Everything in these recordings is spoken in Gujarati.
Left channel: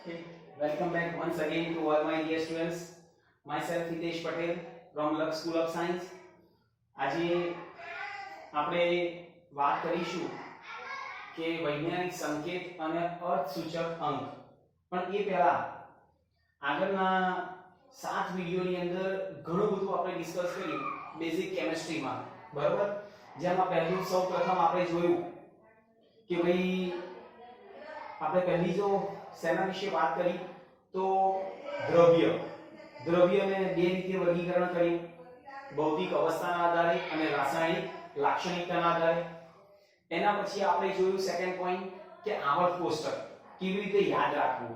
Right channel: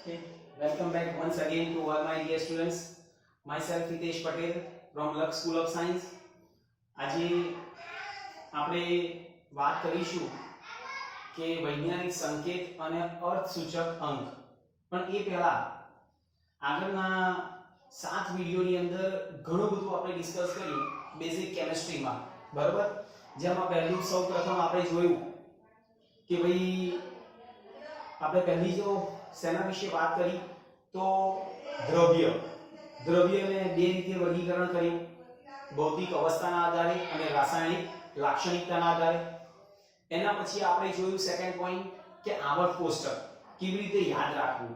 Okay. Welcome back once again to all my dear students. Myself Hitesh Patel from Lux School of Science. આજે આપણે વાત કરીશું કે વૈજ્ઞાનિક સંકેત અને અર્થસૂચક અંક. પણ એ પહેલા આગળના 7 વિડિયોની અંદર ઘણું બધું આપણે ડિસ્કસ કર્યું બેઝિક કેમિસ્ટ્રીમાં, બરાબર? જેમાં પહેલું સૌપ્રથમ આપણે જોયું કે ભાઈ આપણે પહેલી જો સેના વિશે વાત કરી તો દ્રવ્યને બે રીતે વર્ગીકરણ કર્યું, ભૌતિક અવસ્થાના આધારે અને રાસાયણિક લાક્ષણિકતાના આધારે. એના પછી આપણે જોયું સેકન્ડ પોઈન્ટ કે આવર્ત કોષ્ટક કેવી રીતે યાદ રાખવું.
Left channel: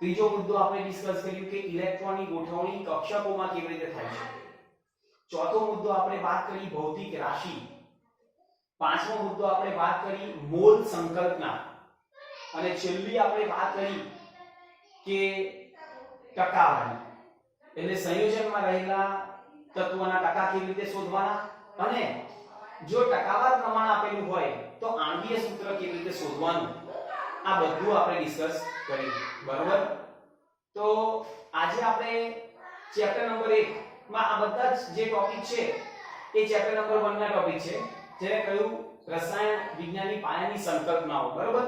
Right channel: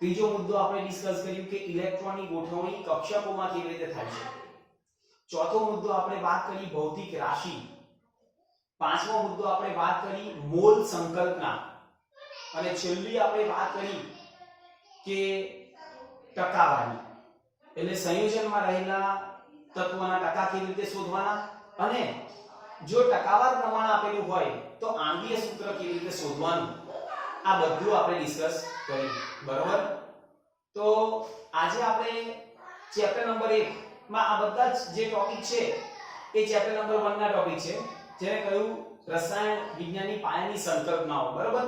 ત્રીજો મુદ્દો આપણે ડિસ્કસ કર્યું કે ઇલેક્ટ્રોનની ગોઠવણી કક્ષકોમાં કેવી રીતે થાય છે. ચોથો મુદ્દો આપણે વાત કરી ભૌતિક રાશિ. પાંચમો મુદ્દો આપણે વાત કરી મોલ સંકલ્પના. અને છેલ્લી આપણે વાત કરી કે ટકાવારી, એટલે સંયોજનમાં રહેલા તત્વોના ટકા કેવી રીતે શોધવાના, અને જો ટકાવાર પ્રમાણ આપેલું હોય તો આણ્વીય સૂત્ર કેવી રીતે શોધવાનું. આ બધું આપણે ડિસ્કસ કર્યું, બરોબર? તો આજે આપણે ચેપ્ટર નંબર 1 માં આ બધા જે ટોપિક છે એ ચેપ્ટર નંબર 1 ના ટોપિક છે, જેને કહ્યું રસાયણ વિજ્ઞાનની પાયાની સંકલ્પનાઓ, બરોબર?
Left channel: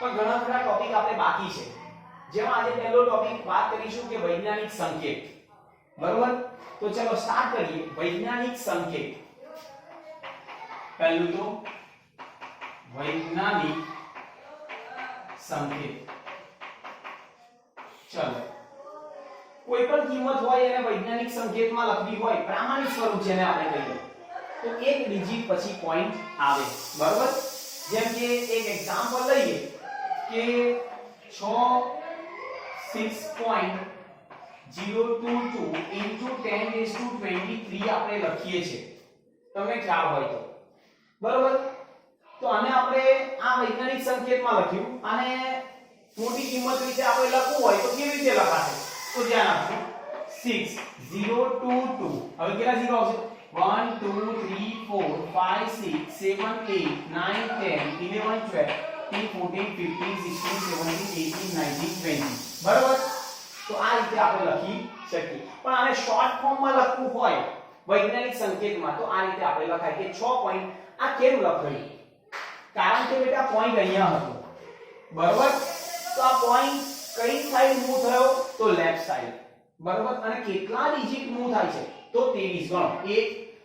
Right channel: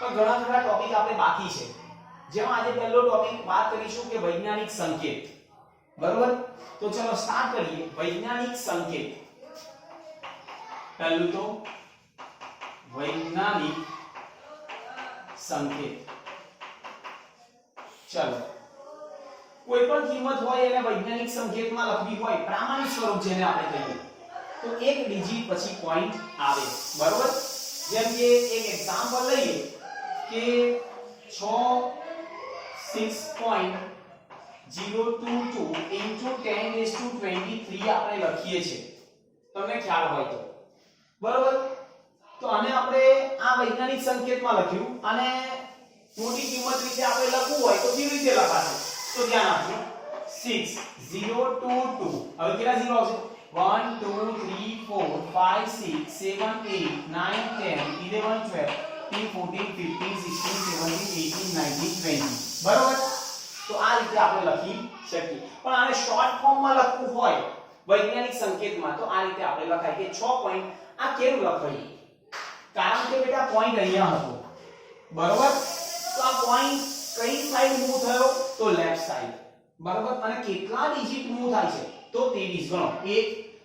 પણ ઘણા બધા ટોપિક આપણે બાકી છે, જેમાં આજે પહેલો ટોપિક વાત કરીશું કે વૈજ્ઞાનિક સંકેત, બરોબર? તો ચલો સ્ટાર્ટ કરીએ. વૈજ્ઞાનિક સંકેત. પહેલું તો વૈજ્ઞાનિક સંકેત. ચલો, કોઈ પણ કિંમત હોય એને વૈજ્ઞાનિક સંકેતમાં લખવી હોય, પ્રામાણિક સ્વરૂપ જેને આપણે કહીએ, તો એક ડિજિટ પછી પોઈન્ટ આવે, બરોબર? જેમ કે એક એક્ઝામ્પલ લઈએ કે 6.022 into 10⁻23 આપણે લખીએ છીએ, તમને ખ્યાલ હોય તો, બરોબર? તો આને આપણે આ વૈજ્ઞાનિક સંકેતમાં લખ્યું, અને મોટી કિંમત વિશે આપણે લખવું હોય તો કેવી રીતે લખાશે? તો ધ્યાન આપજો. 6022, હવે કેટલા ઝીરો આવશે? 1 2 3 4 5 6 7 8 9 10 11 12 13 14 15 16 17 18 19 20, બરોબર? તો આ રીતે આપણે લખી શકીએ. પણ આને શોર્ટ ફોર્મમાં લખવું હોય વૈજ્ઞાનિક સંકેતમાં તો આ રીતે આપણે લખાય કે 6 પોઈન્ટ. આ કેમ લખાયું? કારણ કે બેટા પોઈન્ટ અહીંયા હતો, બરોબર? તો આ પોઈન્ટ કઈ સાઈડ મૂવ થયો? તો લેફ્ટ સાઈડ, બરોબર? અને કેટલા ડિજિટ મૂવ થાય છે? તો 23. ગણો. 1 2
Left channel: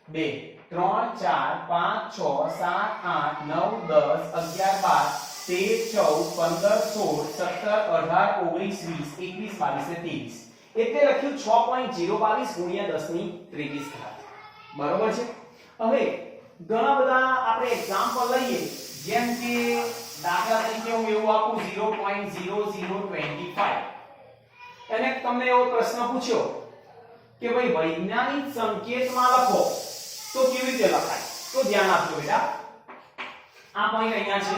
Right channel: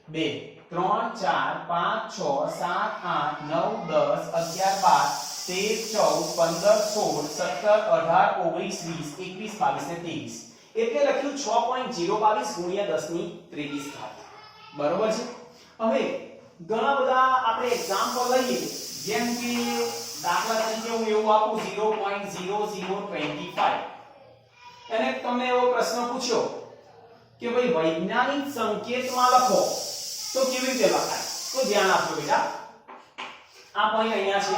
3 4 5 6 7 8 9 10 11 12 13 14 15 16 17 18 19 20 21 22 એટલે લખ્યું 6.022 ગુણ્યા 10 ની 23 ઘાત, બરોબર છે? હવે ઘણા બધા આપણે એક્ઝામ્પલ લઈએ, જેમ કે દાખલા તરીકે હું એવું આપું 0.0025, અને તમને એવો પ્રશ્ન પૂછ્યો કે ભાઈ વૈજ્ઞાનિક સંકેતમાં લખો તો કેવી રીતે લખાય? તો ધ્યાન આપજો બેટા, આ પોઈન્ટ અહીંયા છે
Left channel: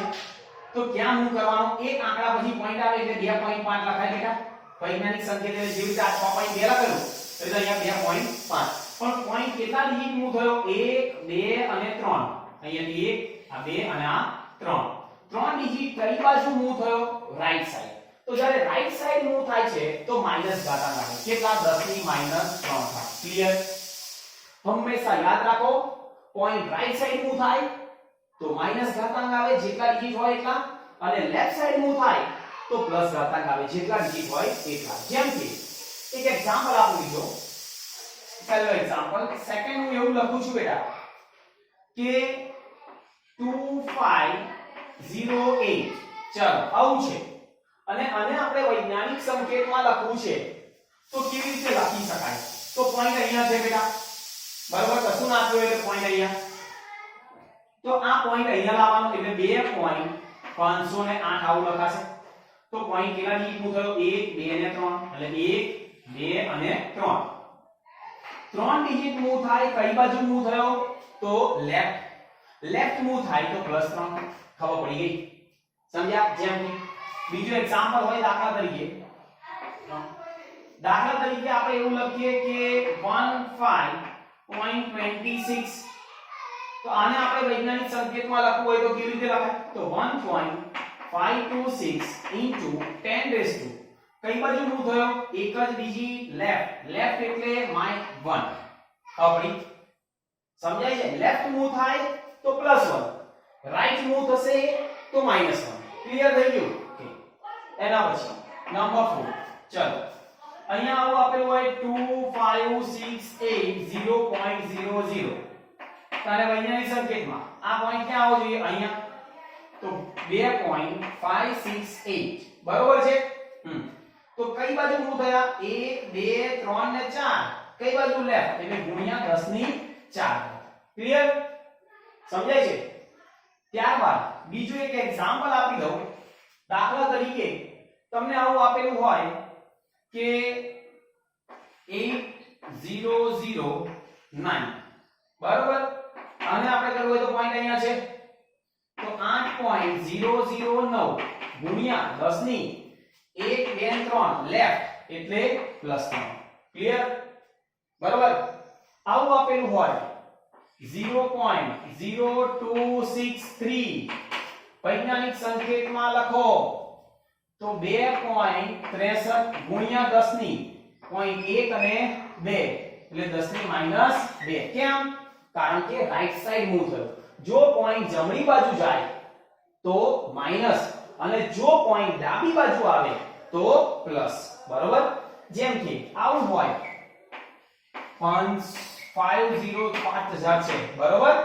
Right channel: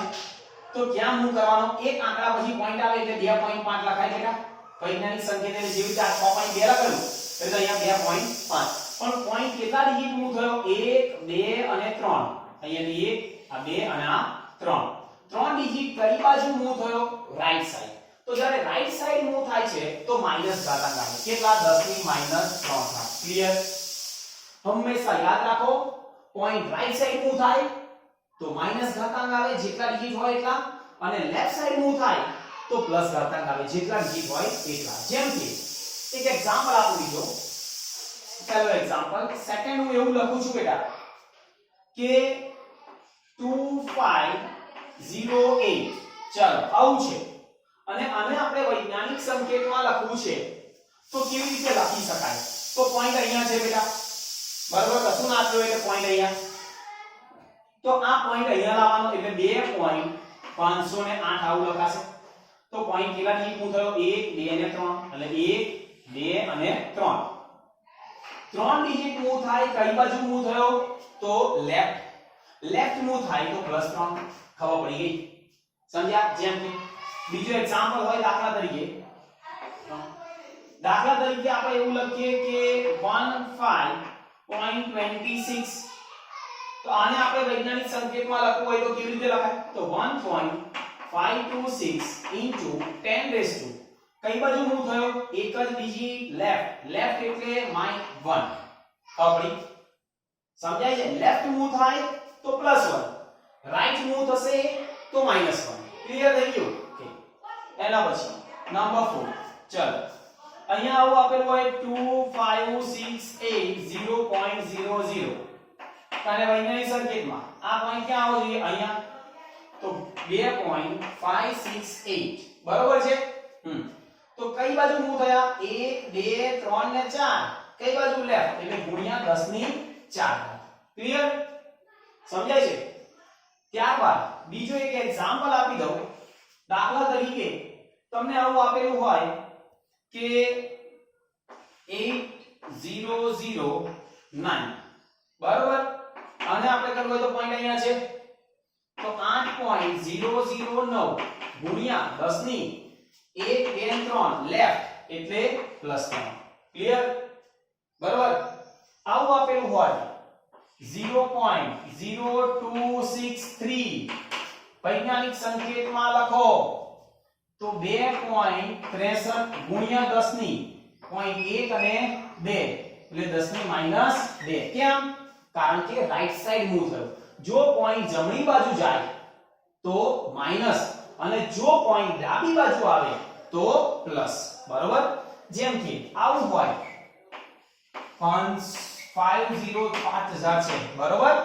તો ક્યાં મૂવ કરવાનો? એક આંકડા પછી પોઈન્ટ આવે એટલે 2.5 લખાય બેટા. વૈજ્ઞાનિક સંકેત એટલે જેવી રીતે 6.2 લખેલું એટલે અહીંયા 2.5. પણ પોઈન્ટ કેટલા ડિજિટ મૂવ થયો? 1 2 અને 3. અહીંયા 1 આ 2 અને આ 3. 3 ડિજિટ કઈ બાજુ મૂવ થયો? Right side. તો જ્યારે રાઈટ સાઈડ મૂવ થાય છે તો માઈનસ ઘાતાંક આવે. કેટલા? 10 ની -3 થાય. ક્લિયર? હંમેશા યાદ રાખો, પોઈન્ટ રાઈટ સાઈડ મૂવ થાય તો માઈનસ ઘાતાંક આવે જેટલા ડિજિટ હોય એટલા, અને લેફ્ટ સાઈડ મૂવ થાય તો પ્લસ ઘાતાંક આવે જેટલા ડિજિટ હોય એટલા. જેમ કે એક એક્ઝામ્પલ આપું લીધો, પહેલો એક્ઝામ્પલ. સેકન્ડ હું એવું લખું છું બેટા કે 2508. ચાલો, આવું છે, અને આને આપણે વૈજ્ઞાનિક સંકેતમાં લખવું છે તો કેવી રીતે લખી શકાય? તો પોઈન્ટ અહીંયા છે બેટા, બરોબર? કશું ના આપ્યું એટલે પોઈન્ટ અહીંયા. તો આ પોઈન્ટ અહીંયા લાવવાનો એટલે 2.508 આવું લખાશે. તો પોઈન્ટ કેટલા ડિજિટ મૂવ થયો? 1 2 અને 3, એટલે 1 2 અને 3. 3 ડિજિટ મૂવ થાય કઈ બાજુ મૂવ થયો? તો લેફ્ટ. લેફ્ટ મૂવ થાય તો +3. ખબર પડી ગઈ? સમજ્યા? જેમ કે બીજો એક્ઝામ્પલ હોય, દાખલા તરીકે આપણે એવું લખીએ કે 15.26. તો આને આપણે વૈજ્ઞાનિક સંકેતમાં લખવું હોય તો કેવી રીતે લખાય? તો 1.526 into 10⁻³ કઈ બાજુ મૂવ થયો? એક જ ડિજિટ લેફ્ટ. લેફ્ટ એટલે -1. આપણી સમજાય છે? લેફ્ટ મૂવ થાય તો +1, રાઈટ મૂવ થશે તો -1. ક્લિયર થઈ ગયું? ઓકે. એના પછી નંબર 4. ચલો અહીંયા આવું આપેલું હોય 2 5 6 8 0.00. તારે વૈજ્ઞાનિક સંકેતમાં આ પોઈન્ટ ક્યાં આવવો જોઈએ? અહીંયા. તો 2.568 બરોબર છે. તો કઈ બાજુ મૂવ થયા? 1 2 3 ને 4. કઈ બાજુ? લેફ્ટ એટલે ગુણ્યા 10 ની 4. ક્લિયર? સમજાય છે? ત્યારબાદ બીજું એક એક્ઝામ્પલ આપી દઉં. દાખલા તરીકે તમને આવું આપેલું હોય કે 8009 બરોબર, અને આપણે કરવું હોય તો પોઈન્ટ અહીંયા છે તો 8.009 ગુણ્યા 10 ની 1 2 3 લેફ્ટ એટલે +3. ક્લિયર? બરોબર. આવું આપેલું હોય 0.0263 વૈજ્ઞાનિક સંકેતમાં લખો તો 2.63 ગુણ્યા 10 ની 0.1 અને 2 એટલે 10 ની -2. કેમ? કારણ કે રાઈટ સાઈડ મૂવ થયો. જો પોઈન્ટ જમણી બાજુ જાય તો માઈનસ, અને જો પોઈન્ટ ડાબી બાજુ આવે તો પ્લસ. બરોબર? જેમ કે આવું હોય 505000 છે બરોબર,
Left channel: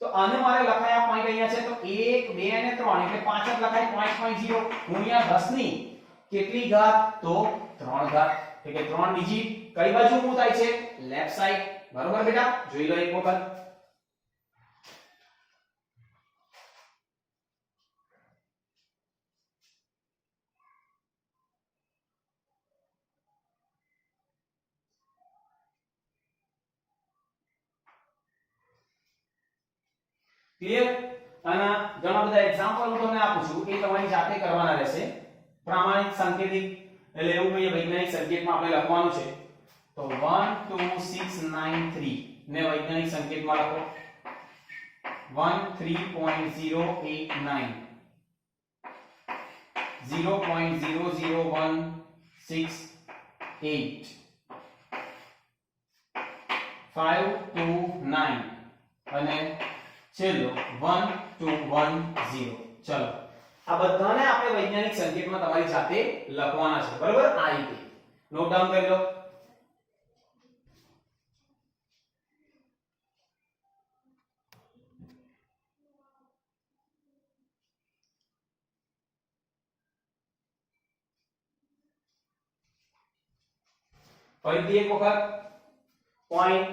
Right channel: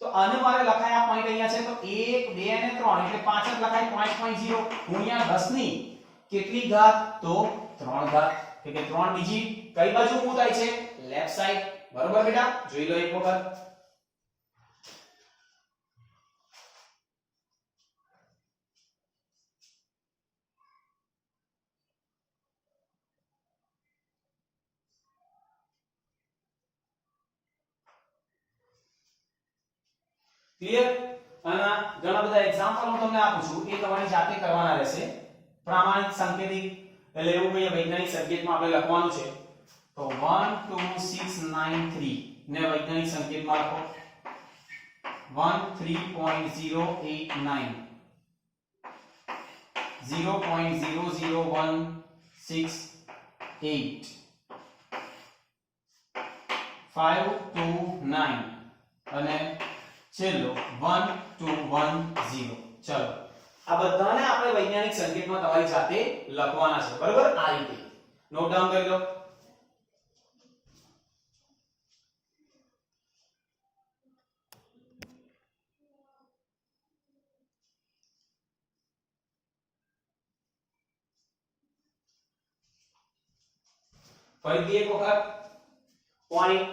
તો આને મારે લખાયા પોઈન્ટ અહીંયા છે તો 1 2 અને 3 એટલે 5 જ લખાય 5.0 ગુણ્યા 10 ની કેટલી ઘાત? તો 3 ઘાત. એટલે કે 3 ડિજિટ કઈ બાજુ મૂવ થાય છે? Left side. બરોબર બેટા? જોઈ લો એક વખત. ક્લિયર? અને ઘણા બધા એક્ઝામ્પલ હું તમને આપું છું, એ તમારી જાતે કરવાના રહેશે. પ્રામાણિક સંકેતિક એટલે એવું કહીએ વૈજ્ઞાનિક સંકેતમાં આપણે લખવાનું છે તો 12693 ને વૈજ્ઞાનિક સંકેતમાં લખો 13.089 0.00168 529 અને ચલો 1210. ચલો આ બધાને આપણે વૈજ્ઞાનિક સંકેતમાં તમારી જાતે લખવાના છે. બરોબર? આ રીતે નોટ ડાઉન કરી લો. ફરીથી એક વખત પોઈન્ટ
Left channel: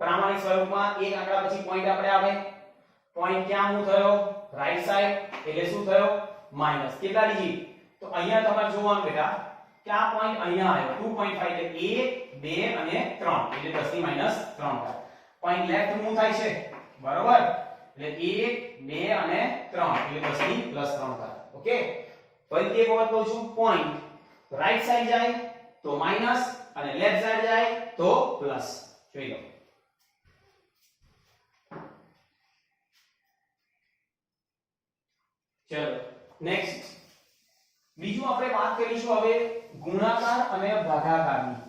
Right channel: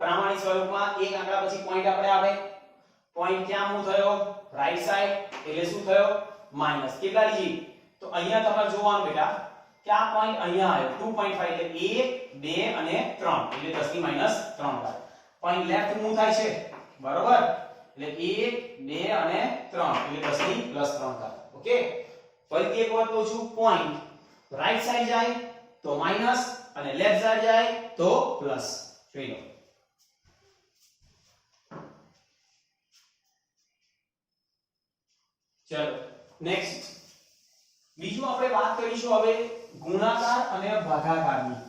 પ્રામાણિક સ્વરૂપમાં એક આંકડા પછી પોઈન્ટ આપણે આવે. પોઈન્ટ ક્યાં મૂવ થયો? રાઈટ સાઈડ એટલે શું થયો? માઈનસ. કેટલા ડિજિટ? તો અહીંયા તમારે જોવાનું બેટા કે આ પોઈન્ટ અહીંયા આવ્યો 2.5 એટલે 1 2 અને 3 એટલે 10 ની -3 થાય. પોઈન્ટ લેફ્ટ મૂવ થાય છે બરોબર, એટલે 1 2 અને 3 એટલે 10 ની +3 થાય. ઓકે. ફરીથી એક વખત કહું છું, પોઈન્ટ રાઈટ સાઈડ જાય તો માઈનસ અને લેફ્ટ સાઈડ જાય તો પ્લસ. જોઈ લો. ચલો નેક્સ્ટ બીજું આપણે વાત કરીશું હવે ગુણાકાર અને ભાગાકારની.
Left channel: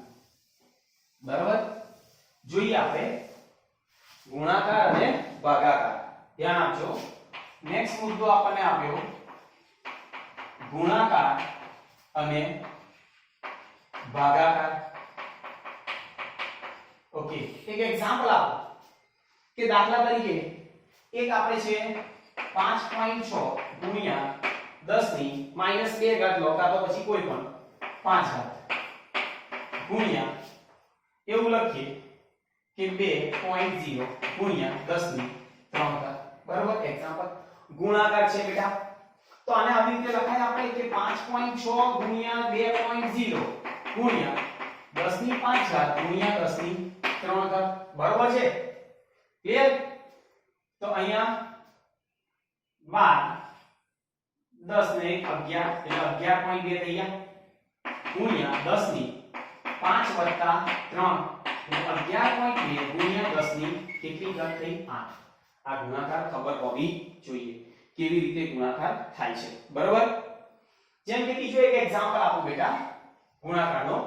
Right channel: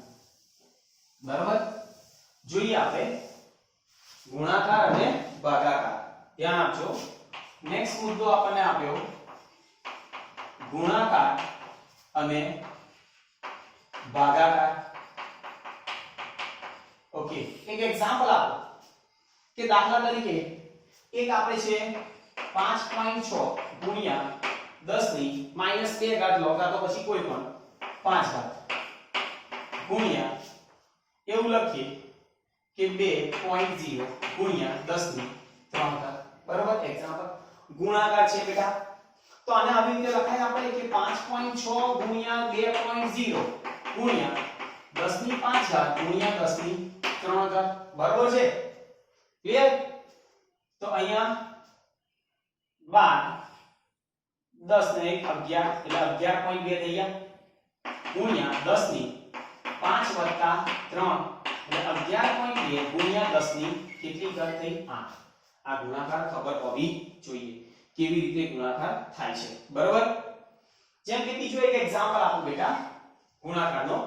બરાબર? જોઈએ આપણે ગુણાકાર અને ભાગાકાર. ધ્યાન આપજો. નેક્સ્ટ મુદ્દો આપણને આપ્યો ગુણાકાર અને ભાગાકાર. ઓકે. એક એક્ઝામ્પલ આપો કે દાખલા તરીકે એક આપણે છે 5.6 ગુણ્યા 10 ની -2 ઘાત લો કાં તો પછી કોઈ પણ 5 ઘાત ગુણ્યા એવું લખીએ કે 2.0 ગુણ્યા 10 ની 3 ઘાત. બરાબર? એક્ઝામ્પલ ગુણાકાર છે બેટા, તો આને આવી રીતે લખાય આપણે કે 5.6 ગુણ્યા 2.0 ગુણ્યા 10 ની 5 ઘાત ગુણ્યા 10 ની 3 ઘાત. બરાબર છે? ક્લિયર? તો અહીંયા 12 10 ને 1 11 એટલે 11.2 થઈ ગયા ગુણ્યા 10 ની 5 વત્તા 3 એટલે 11.2 ગુણ્યા 10 ની કેટલી ઘાત થઈ? 8. આ ગુણાકાર ખબર હોવી જોઈએ કેવી રીતે ગુણાકાર થાય છે. બરોબર? જેમ કે બીજો એક એક્ઝામ્પલ આપું બેટા ગુણાકારનો.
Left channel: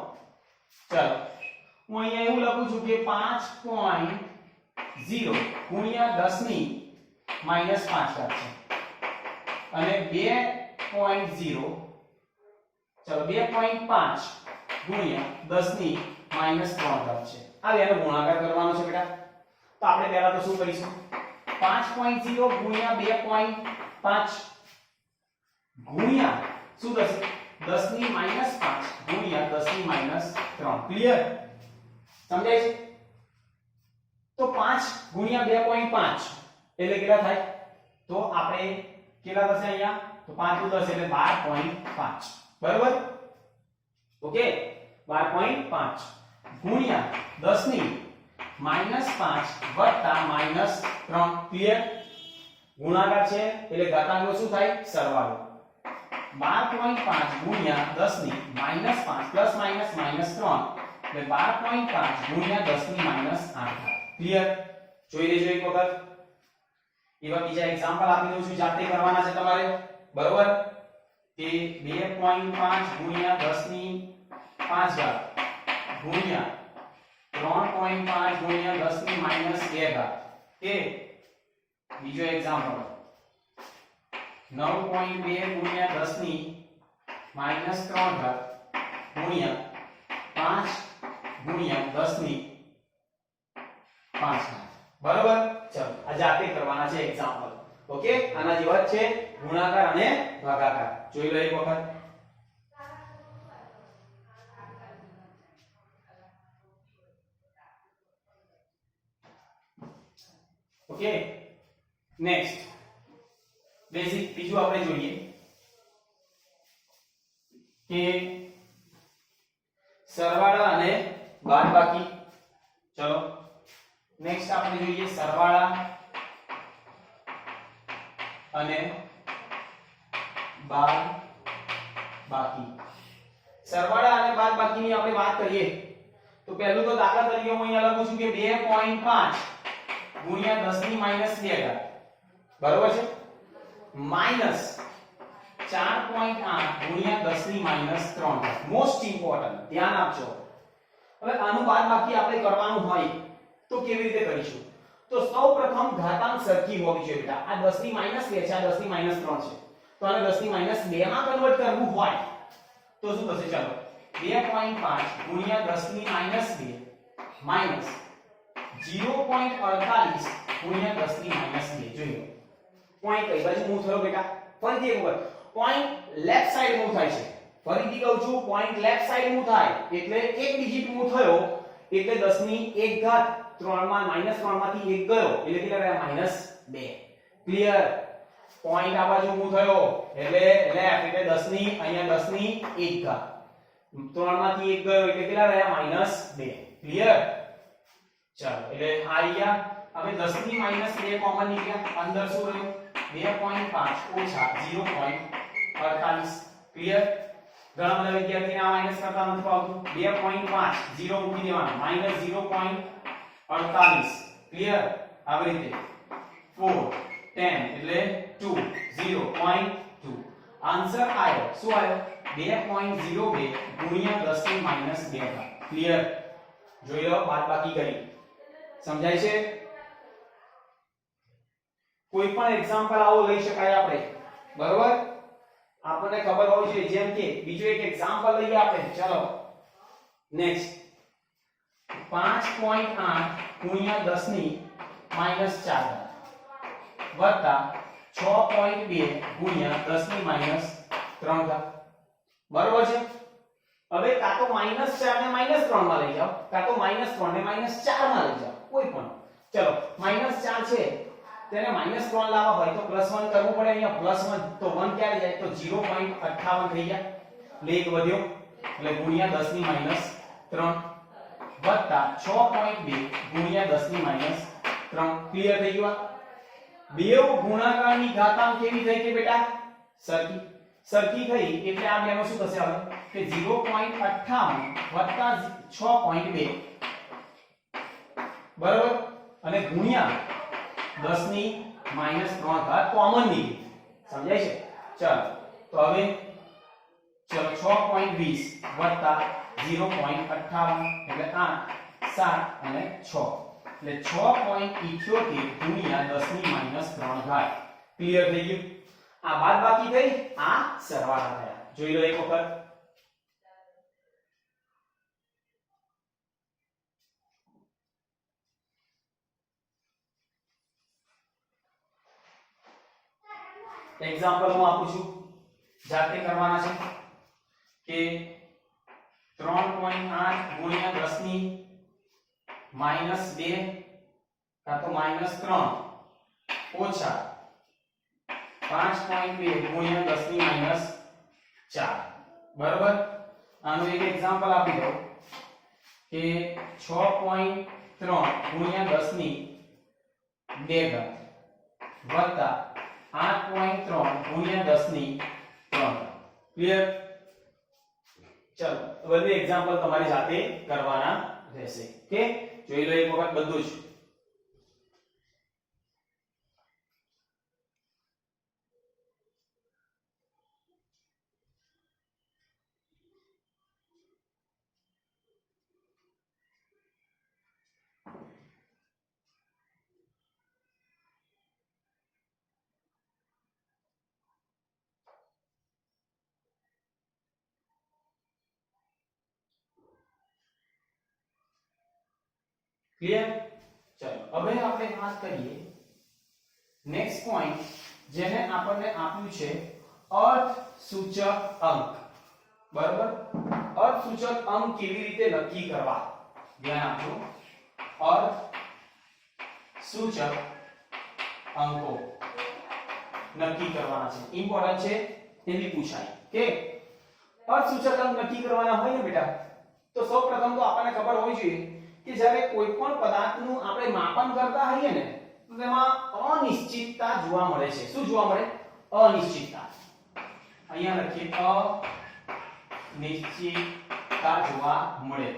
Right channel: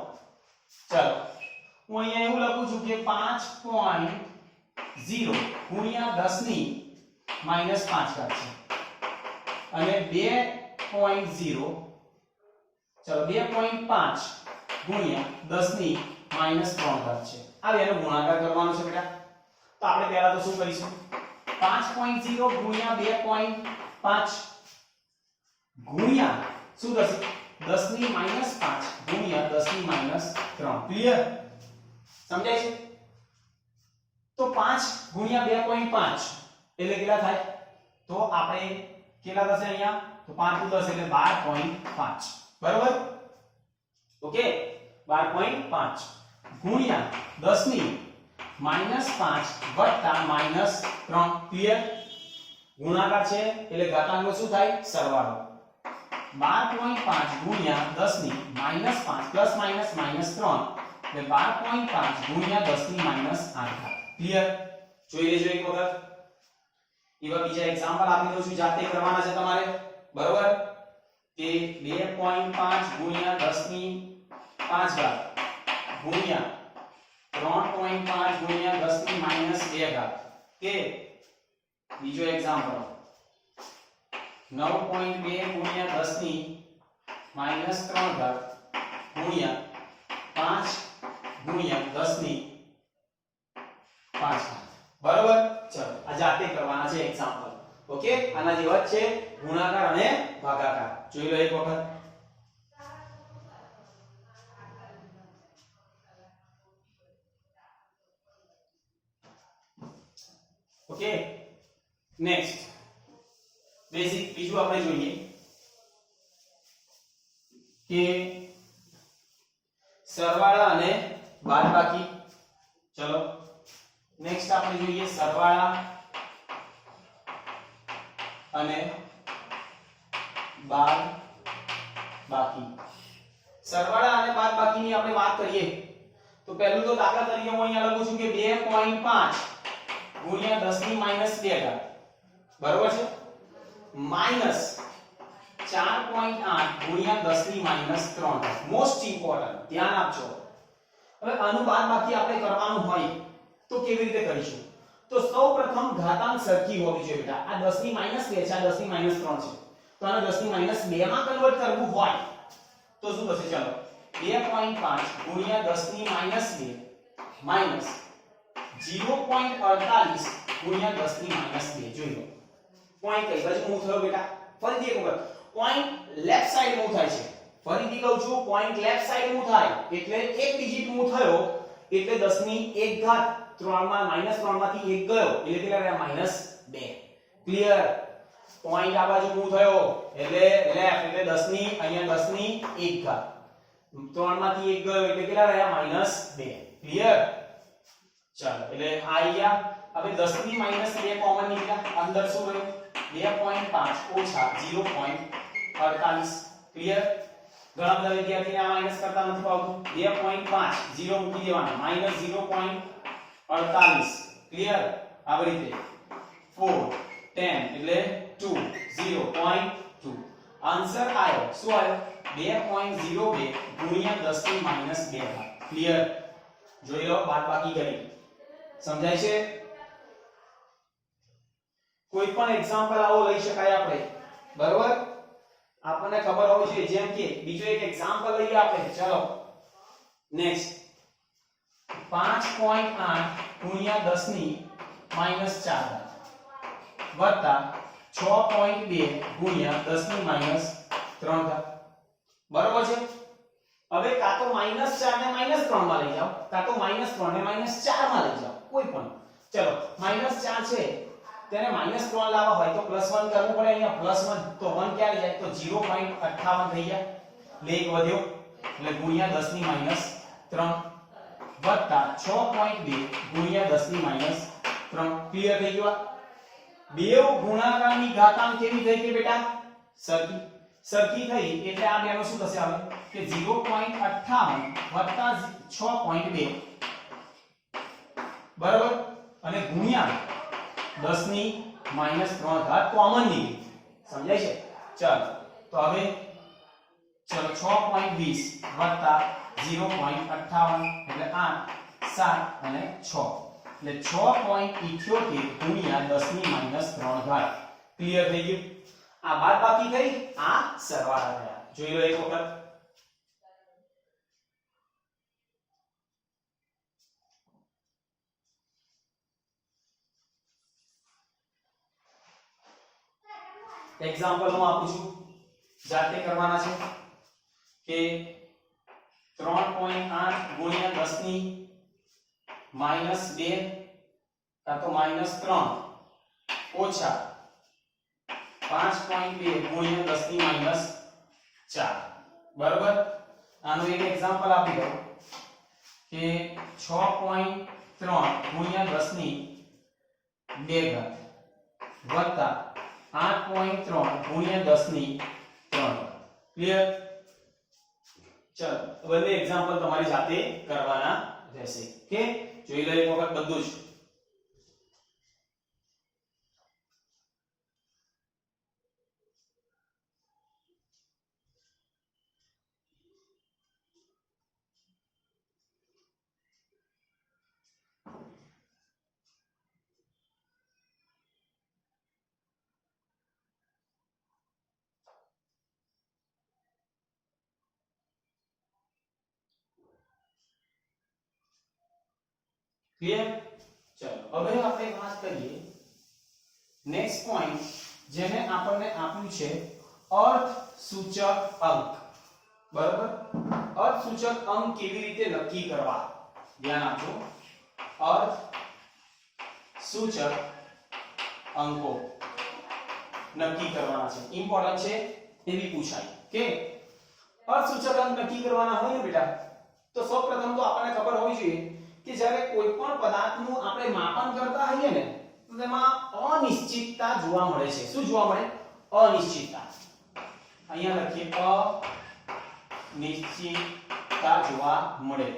ચાલો હું અહીંયા એવું લખું છું કે 5.0 ગુણ્યા 10 ની -5 ઘાત છે અને 2.0 ચલો 2.5 ગુણ્યા 10 ની -3 ઘાત છે. આ બેનો ગુણાકાર કરવાનો છે બેટા. તો આપણે પહેલા તો શું કરીશું 5.0 ગુણ્યા 2.5 ગુણ્યા શું થશે 10 ની -5 ગુણ્યા 10 ની -3. ક્લિયર? સમજાય છે? તો 5 ગુણ્યા 2.5 એટલે કેટલા થાય? તો આપણે કેટલા થશે અહીંયા? તો 5 * 10 એટલે 12.5. બરાબર? ઓકે 12.5 ગુણ્યા 10 ની -5 વત્તા -3. ક્લિયર? ગુણાકાર છે એટલે ઘાતાંકનો શું થાય? સરવાળો. 12.5 ગુણ્યા 10 ની -5 પ્લસ માઈનસ -3 એટલે 12.5 ગુણ્યા 10 ની -8. ક્લિયર? જોઈ લેજો એક વખત. એવા બીજા એક્ઝામ્પલ આપી દઉં છું, જાતે કરવાના છે તમારે. બરોબર? કે 2.5 ગુણ્યા 10 ની 5 ઘાત ગુણ્યા 3.5 ગુણ્યા 10 ની -2 ઘાત. કે બીજો એક્ઝામ્પલ 9.2 ગુણ્યા 10 ની -3 ઘાત ગુણ્યા 5 ગુણ્યા 10 ની 5 ઘાત. બરાબર? ચલો આ જાતે કરવાના છે એક્ઝામ્પલ. ઓકે? આના જેવા જ છે ગુણાકાર અને ભાગાકાર. જોઈ લો એક વખત. ઓકે નેક્સ્ટ બેઝિક બીજું આપણે જોઈએ કે સરવાળા અને બાદબાકી. ચલો નેક્સ્ટ આપણે જોઈએ સરવાળા અને બાદબાકી. સરવાળા અને બાદબાકીની આપણે વાત કરીએ તો પહેલું તો દાખલા તરીકે હું અહીંયા લખું છું કે 2.5 ગુણ્યા 10 ની -2 ઘાત. બરોબર છે? માઈનસ 4.8 ગુણ્યા 10 ની -3 ઘાત. મોસ્ટ ઇમ્પોર્ટન્ટ, ધ્યાન આપજો. હવે આનું બાદબાકી આપણે કરવાનું હોય તો કેવી રીતે કરીશું? તો સૌપ્રથમ ઘાતાંક સરખી હોવી જોઈએ બેટા. આ 10 ની -2 છે, આ 10 ની -3 છે. તો આને 10 ની -2 માં કન્વર્ટ કરવું હોય તો શું થશે? ચલો 2.5 ગુણ્યા 10 ની -2 માઈનસ 0.48 ગુણ્યા 10 ની -2. જોઈ લો પોઈન્ટ કઈ બાજુ મૂવ થયો બેટા? ફરીથી એક વખત પોઈન્ટ લેફ્ટ સાઈડ મૂવ થાય છે. ફરીથી કહું છું પોઈન્ટ લેફ્ટ સાઈડ મૂવ થાય એટલે એક ડિજિટ મૂવ થયો એટલે 10 ની 1 ઘાત 3 માં -3 માંથી 1 ગયો એટલે કેટલા રહ્યા? -2. ક્લિયર? પોઈન્ટ આ બાજુ મૂવ થયો એટલે લેફ્ટ એટલે 10 ની અહીંયા 10 ની 1 ઘાત 3 માંથી 1 ગયો એટલે કેટલા રહ્યા? -2. ક્લિયર? ચાલો એટલે આ અહીંયા હવે 10 ની -2 કોમન નીકળ્યા. અંદર શું રહ્યું? 2.5 ઓછા 0.48. ક્લિયર? ઘણા બધા વિદ્યાર્થીને આ માઈનસ કરતા નથી આવતું. 2.5 0 મૂકી દેવાના -0.48. ક્લિયર? આવી રીતે 4 10 એટલે 2 0.2. આન્સર આવ્યો શું આવ્યો? 2.02 ગુણ્યા 10 ની -2 ઘાત. ક્લિયર? જોઈ લો બાદબાકી કરી. સમજાય છે? કોઈ પણ એક્ઝામ્પલ આવો લઈ શકાય આપણે. બરોબર? આપણને ખબર હોવી જોઈએ. જેમ કે બીજો એક એક્ઝામ્પલ લઈએ આપણે. ચલો નેક્સ્ટ 5.8 ગુણ્યા 10 ની -4 ઘાત વત્તા 6.2 ગુણ્યા 10 ની -3 ઘાત. બરોબર છે? હવે કાં તો -4 ને -3 માં લઈ જાઓ, કાં તો -3 ને -4 માં લઈ જાઓ, કોઈ પણ. ચલો -4 છે તેને -3 લાવવા હોય તો +1 કરવું પડે. અહીંયા +1 તો 1 ક્યારે જાય? તો 0.58 થઈ ગયા. લેખ વધ્યો એટલે ગુણ્યા 10 ની -3 વત્તા 6.2 ગુણ્યા 10 ની -3. ક્લિયર થઈ ગયું? બેવ ગુણાકારની ઘાતાંક કેવી થઈ કે બેટા? સરખી થઈ એટલે આ બેનો શું થશે હવે કે 0.58 વત્તા 6.2. બરાબર? અને ગુણ્યા 10 ની -3 ઘાત કોમન ની. સમજાય છે? ચાલો તો હવે ચલો 6.20 વત્તા 0.58 એટલે 8 7 અને 6 એટલે 6.78 ગુણ્યા 10 ની -3 ઘાત. ક્લિયર થઈ ગયું? આ બાદબાકી થઈ, આ સરવાળા થયા. જોઈ લો એક વખત. એક્ઝામ્પલ હું આપું છું, જાતે કરવાના છે કે 3.8 ગુણ્યા 10 ની -2 કાં તો -3 ઓછા 5.2 ગુણ્યા 10 ની -4. બરાબર? આનું એક એક્ઝામ્પલ આપી દઉં કે 6.3 ગુણ્યા 10 ની 2 ઘાત વત્તા 8.3 ગુણ્યા 10 ની 3. ક્લિયર? ચલો બંને એક્ઝામ્પલ તમારી સાથે કરવાના રહેશે. કે જોઈ લો એક વખત બધું જ. ક્લિયર? ચલો હવે આપણે વાત કરીએ નેક્સ્ટ પોઈન્ટ, જેને આપણને આપ્યું છે અર્થ સૂચક અંક. બરાબર? અર્થ સૂચક અંક કેવી રીતે નક્કી કરવા? ધ્યાન આપજો. અર્થ સૂચક અંકો નક્કી કરવાના છે. ઇમ્પોર્ટન્ટ છે, એવી પૂછાય કે અર્થ સૂચક અંક નક્કી કરવાના હોય ને બેટા, તો સૌપ્રથમ તો આપણને ખબર હોવી જોઈએ કે જ્યારે કોઈ પણ પદાર્થનું આપણે માપન કરતા હોઈએ ને, તો તેમાં અનિશ્ચિતતા જોવા મળે છે. શું જોવા મળે? અનિશ્ચિતતા. અહીંયા લખીએ અનિશ્ચિતતા જોવા મળે.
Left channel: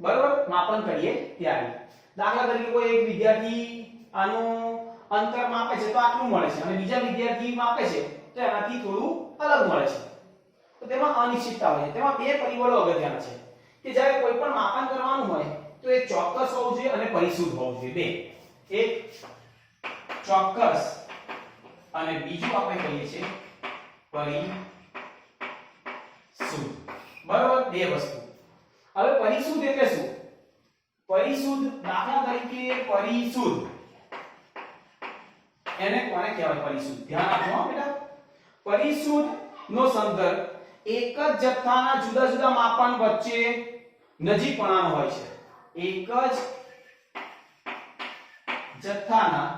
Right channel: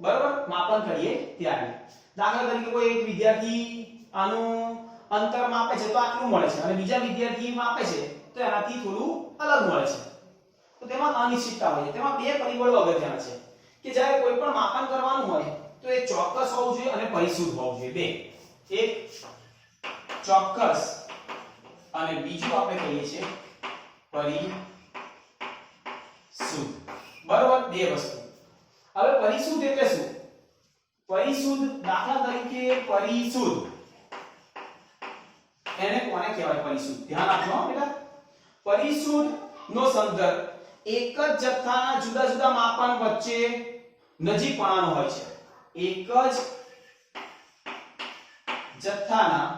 બરાબર? માપન કરીએ ત્યારે દાખલા તરીકે કોઈ એક વિદ્યાર્થી આનું અંતર માપે છે તો આટલું મળે છે, અને બીજા વિદ્યાર્થી માપે છે તો એનાથી થોડું અલગ મળે છે. તો તેમાં અનિશ્ચિતતા હોય છે. તેમાં બે પરિબળો અગત્યના છે કે જ્યારે કોઈ પણ માપન કરવાનું હોય તો એ ચોક્કસ હોવું જોઈએ અને પરિશુદ્ધ હોવું જોઈએ. બે, એક ચોક્કસ અને બીજું આપણે કહીએ છીએ પરિશુદ્ધ. બરાબર? બે વસ્તુ. હવે પરિશુદ્ધ એટલે શું? પરિશુદ્ધ, દાખલા તરીકે પરિશુદ્ધ એને કોને કહેવાય? પરિશુદ્ધ. ધ્યાન આપજો હો બેટા. પરિશુદ્ધ નો સંદર્ભ એક જ જથ્થાના જુદા જુદા માપન વચ્ચે નજીકપણાનો હોય છે. એક જ જથ્થાના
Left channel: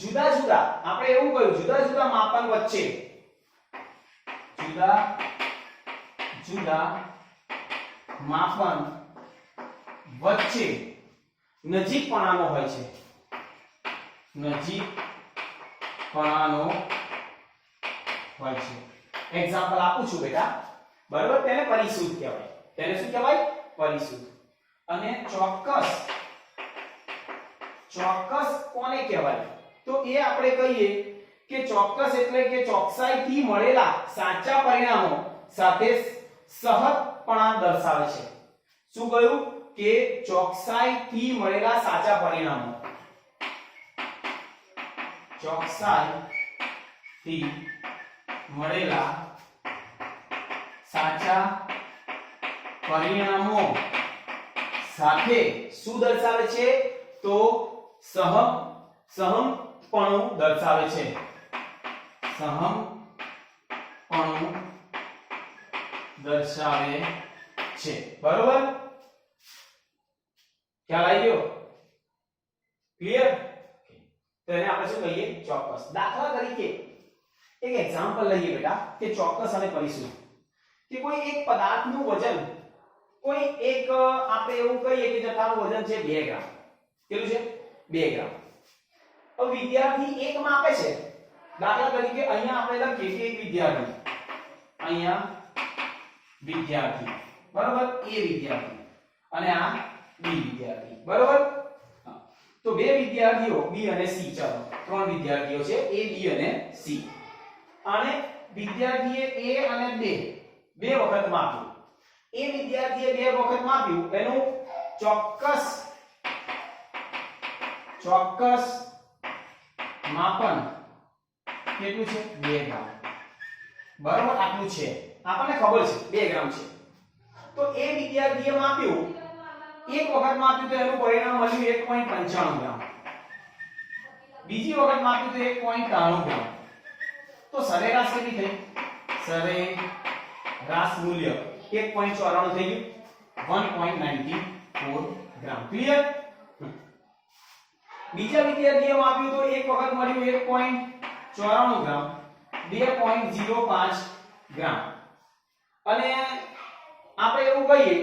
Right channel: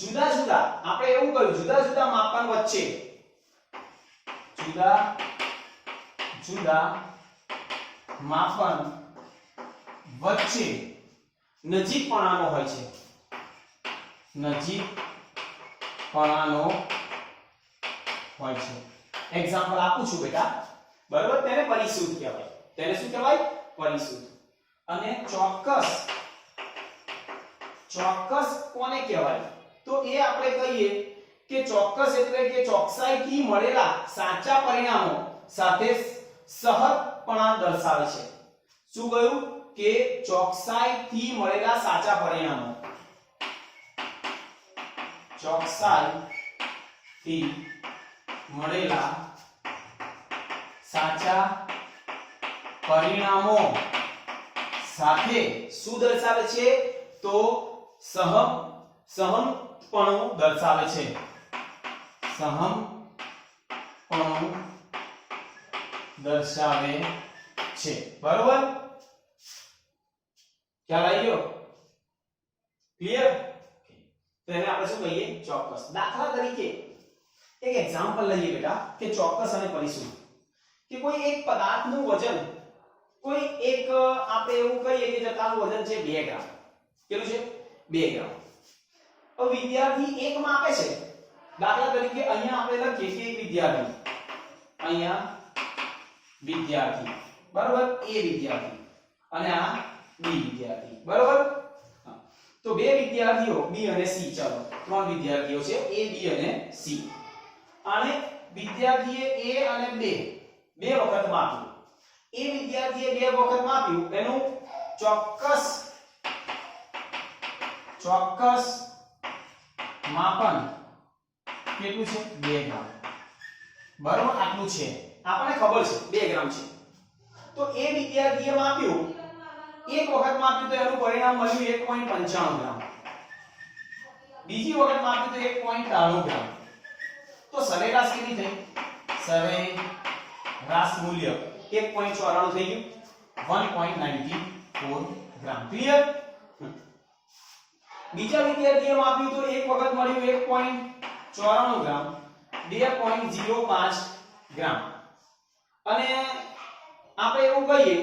જુદા જુદા, આપણે એવું કહ્યું, જુદા જુદા માપન વચ્ચે, જુદા જુદા માપન વચ્ચે નજીકપણાનો હોય છે. નજીકપણાનો હોય છે. એક્ઝામ્પલ આપું છું બેટા. બરાબર? તેને પરિશુદ્ધ કહેવાય. તેને શું કહેવાય? પરિશુદ્ધ. અને ચોક્કસ, ચોક્કસ કોને કહેવાય? તો એ આપણે કહીએ કે ચોક્કસ એટલે કે ચોકસાઈથી મળેલા સાચા પરિણામો સાથે સહજપણા દર્શાવે છે. શું કહ્યું? કે ચોકસાઈથી મળેલા સાચા પરિણામો, ચોકસાઈથી મળેલા સાચા પરિણામો સાથે શું દર્શાવે છે? તો સહમપણું દર્શાવે છે. સહમપણું દર્શાવે છે. બરોબર? ખ્યાલ આવી ગયો? ક્લિયર? તો એને આપણે શું કહીએ? ચોક્કસ. દાખલા તરીકે એક એક્ઝામ્પલ લઈએ બેટા કે ચોક્કસ અને પરિશુદ્ધ. કે કોઈ એક પદાર્થનું વજન, કોઈ એક આપણે એવું કહીએ કે જથ્થાનું વજન છે 2 ગ્રામ. કેટલું છે? 2 ગ્રામ. તો વિદ્યાર્થી એક માપે છે. દાખલા તરીકે અહીંયા આપણે લખીએ કે એક વિદ્યાર્થી, અહીંયા વિદ્યાર્થી, બરોબર? એ વિદ્યાર્થી અને આ બી વિદ્યાર્થી. બરોબર? તો બે વિદ્યાર્થીઓ બી અને સી, ચાલો ત્રણ વિદ્યાર્થીઓ છે, એ બી અને સી. અને વિદ્યાર્થીએ a અને બે વખત માપ્યું. એ વિદ્યાર્થીએ બે વખત માપ્યું એનું ચોક્કસ માપન કેટલું છે? 2 ગ્રામ. બરાબર, આટલું છે, આપણને ખબર છે 2 ગ્રામ છે. તો એ વિદ્યાર્થીએ માપ્યું, એક વખત માપ્યું તો એનું પરિણામ મળ્યું 1.95 ગ્રામ. બીજી વખત માપ્યું તો 1.93 ગ્રામ. તો સરેરાશ કેટલી થઈ? સરેરાશ મૂલ્ય 1.94 થઈ ગયું, 1.94 ગ્રામ. ક્લિયર? બીજા વિદ્યાર્થીએ માપ્યું તો એક વખત મળ્યું 1.94 ગ્રામ, 2.05 ગ્રામ. અને આપણે એવું કહીએ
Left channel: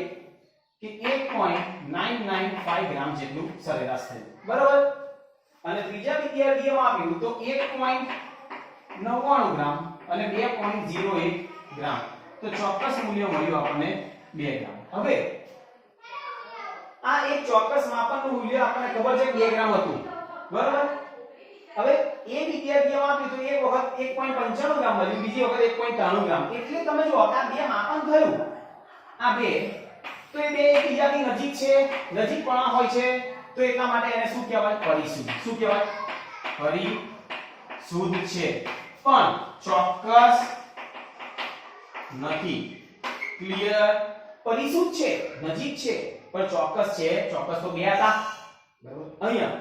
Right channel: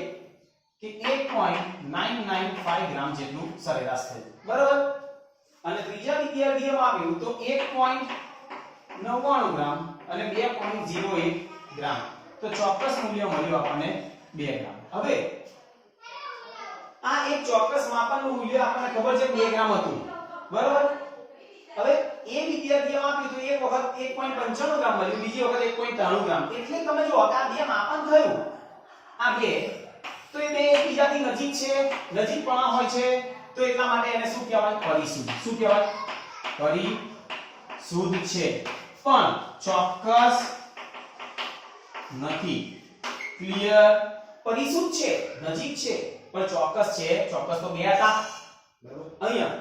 કે 1.995 ગ્રામ જેટલું સરેરાશ થયું. બરાબર? અને ત્રીજા વિદ્યાર્થીએ માપ્યું તો 1.99 ગ્રામ અને 2.01 ગ્રામ. તો ચોક્કસ મૂલ્ય મળ્યું આપણને 2 ગ્રામ. હવે આ એક ચોક્કસ માપનનું મૂલ્ય આપણને ખબર છે 2 ગ્રામ હતું. બરાબર? હવે એ વિદ્યાર્થીએ માપ્યું તો એક વખત 1.95 ગ્રામ મળ્યું, બીજી વખત 1.93 ગ્રામ. એટલે તમે જો આ બે માપન થયું, આ બે, તો એ બે એકબીજાથી નજીક છે, નજીકપણા હોય છે, તો એટલા માટે એને શું કહેવાય? પરિશુદ્ધ. શું કહેવાય? પરિશુદ્ધ છે, પણ ચોક્કસ નથી. ક્લિયર? પરિશુદ્ધ છે, નજીક છે, પણ ચોક્કસ છે. ચોક્કસ તો બે હતા. બરાબર? અહીંયા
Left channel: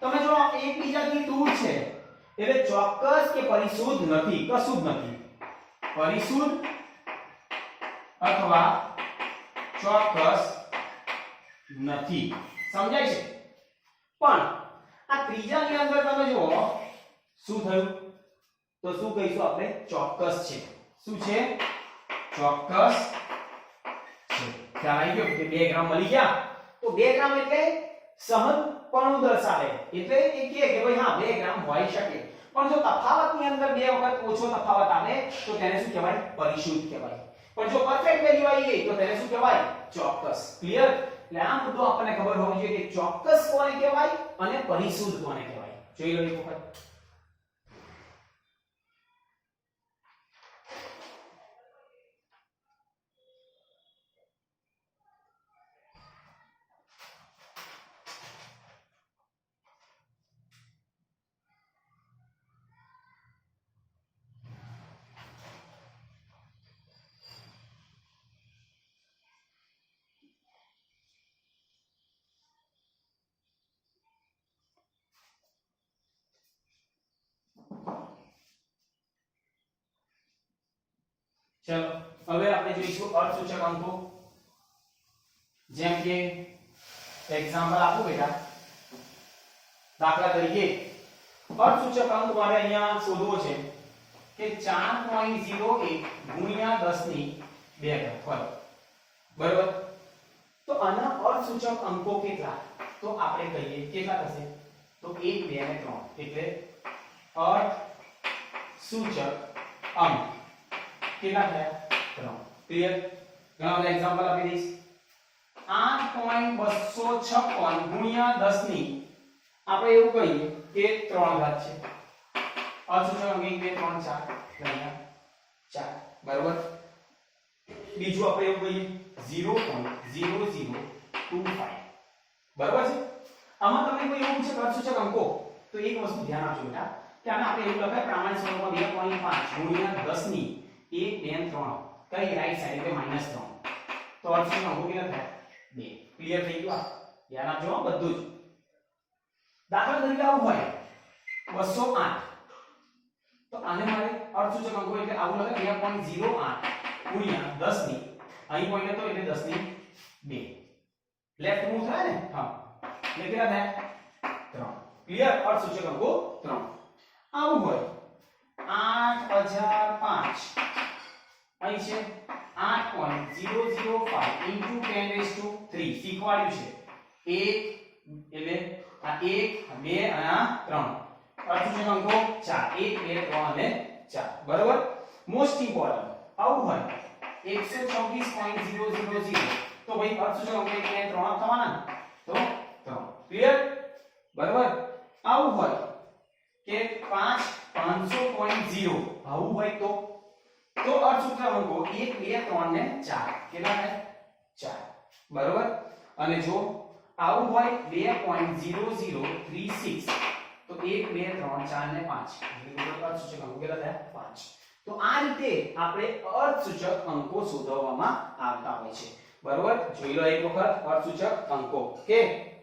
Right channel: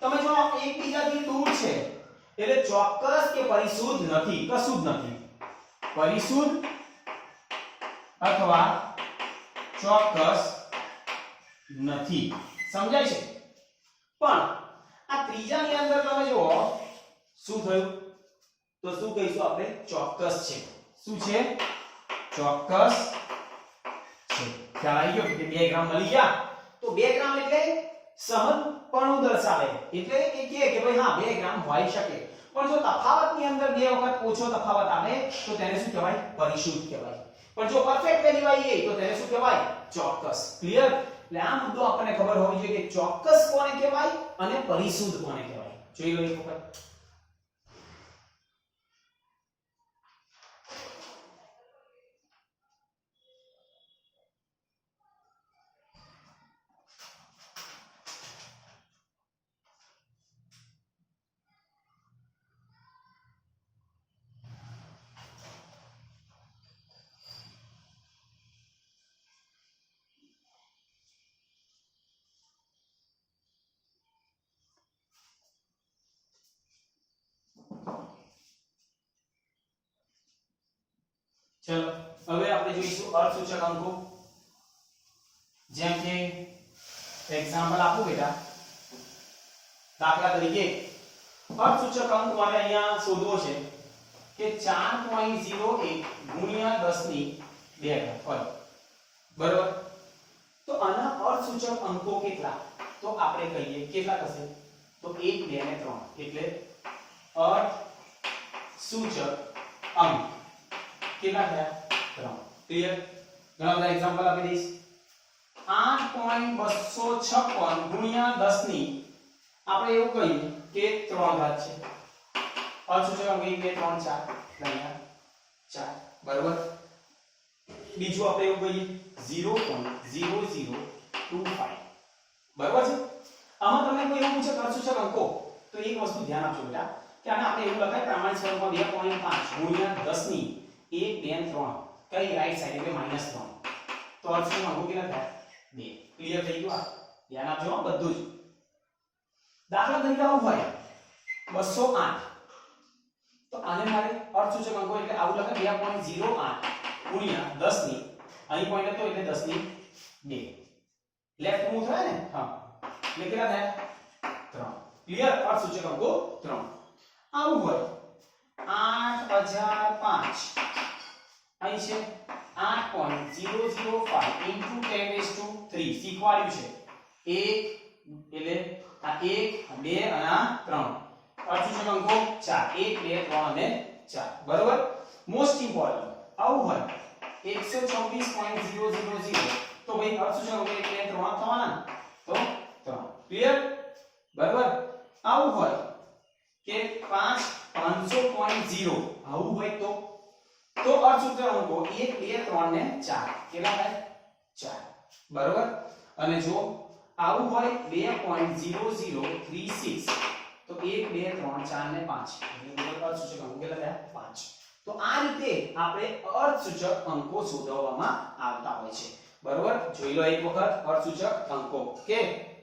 તમે જો એકબીજાથી દૂર છે એટલે ચોક્કસ કે પરિશુદ્ધ નથી, કશું જ નથી. પરિશુદ્ધ અથવા ચોક્કસ નથી. સમજાય છે? પણ આ ત્રીજાની અંદર તમે જુઓ શું થયું? તો શું કહીશું આપણે? ચોક્કસ છે. શું છે? ચોક્કસ છે. ખ્યાલ આવી ગયો કે 2 ગ્રામ મળી ગયા? તો 2 ગ્રામ એટલે સહજપણું દર્શાવે. એટલે એ કહે કે ભાઈ હા 2 ગ્રામ હોઈ શકે. પણ જો તફાવતની અંદર 2 વખત ઓછો તફાવત આવે તો તેને શું કહેવાય? પરિશુદ્ધ કહેવાય. પણ જો પરફેક્ટ વેલ્યુ આવી તો તેને શું કહેવાય? ચોક્કસ. ક્લિયર? એટલે આ મુદ્દો આપણને ખબર હોવી જોઈએ કે ચોક્કસ કોને કહેવાય અને પરિશુદ્ધ કોને કહેવાય. જોઈ લો એક વખત. ચલો હવે આપણે જોઈશું અર્થસૂચક અંકો. જેમ કે એક્ઝામ્પલ આપું બેટા. દાખલા તરીકે અર્થસૂચક અંક મારે અહીંયા શોધવો છે કે 4.01 ગુણ્યા 10 ની 2 ઘાત હોય. બરાબર? તો આના અર્થસૂચક અંકો કેટલા? તો આપણે કહીએ કેટલા થશે? તો 1 2 અને 3. એટલે અર્થસૂચક અંક કેટલા થયા? 3. ક્લિયર? ઘણા બધા એક્ઝામ્પલ આપી દઈશ. 8.256 ગુણ્યા 10 ની આપણે એવું કહીએ કે 3 ઘાત છે. અર્થસૂચક અંક 1 2 3 4 અહીંયા 4. બરાબર? બીજું આપણે એવું કહીએ 0.0025. બરાબર છે? આમાં તમને કોઈ એવું પૂછે અર્થસૂચક અંકો તો એક વસ્તુ ધ્યાન આપજો બેટા કે આને આપણે એવું લખાય પ્રમાણિત સ્વરૂપમાં 2.5 ગુણ્યા 10 ની 1 2 3 કઈ રાઈટ સાઈડ એટલે -3. તો અર્થસૂચક અંકો કેટલા થાય? 2. ક્લિયર થઈ ગયું? આ ધ્યાન આપજો બધું જ. દાખલા તરીકે આવું હોય 208 તો આને મારે અર્થસૂચક અંકો એટલે આવું લખાય 2.08 ગુણ્યા 10 ની અહીં પોઈન્ટ હતો એટલે 10 ની 2. લેફ્ટ મૂવ થાય ને? હા. એટલે કેટલા થયા? 3. ક્લિયર? અર્થસૂચક અંકો 3. આવું હોય 8005 અહીં છે 8.005 into 10⁻³ શીખવાડ્યું છે. 1 એટલે આ 1 2 અને આ 3. અર્થસૂચક અંકો 4 1 2 3 અને 4. બરાબર? મોસ્ટ ઇમ્પોર્ટન્ટ આવું હોય 124.000 તો ભાઈ અર્થસૂચક અંકો 1 2 3 થવાના તો 3. ક્લિયર? બરાબર? આવું હોય કે 5 500.0 આવું હોય તો અર્ધસૂચક અંકો 1 2 3 ને 4 કેટલા થાય 4 બરોબર અને જો આવું હોય 2.0036 તો 1 2 3 4 ને 5 એટલે અર્ધસૂચક અંકો કેટલા થયા 5 તો આ રીતે આપણે અર્ધસૂચક અંકો શોધવામાં આવતા હોય છે બરોબર જોઈ લો એક વખત અર્ધસૂચક અંકો ઓકે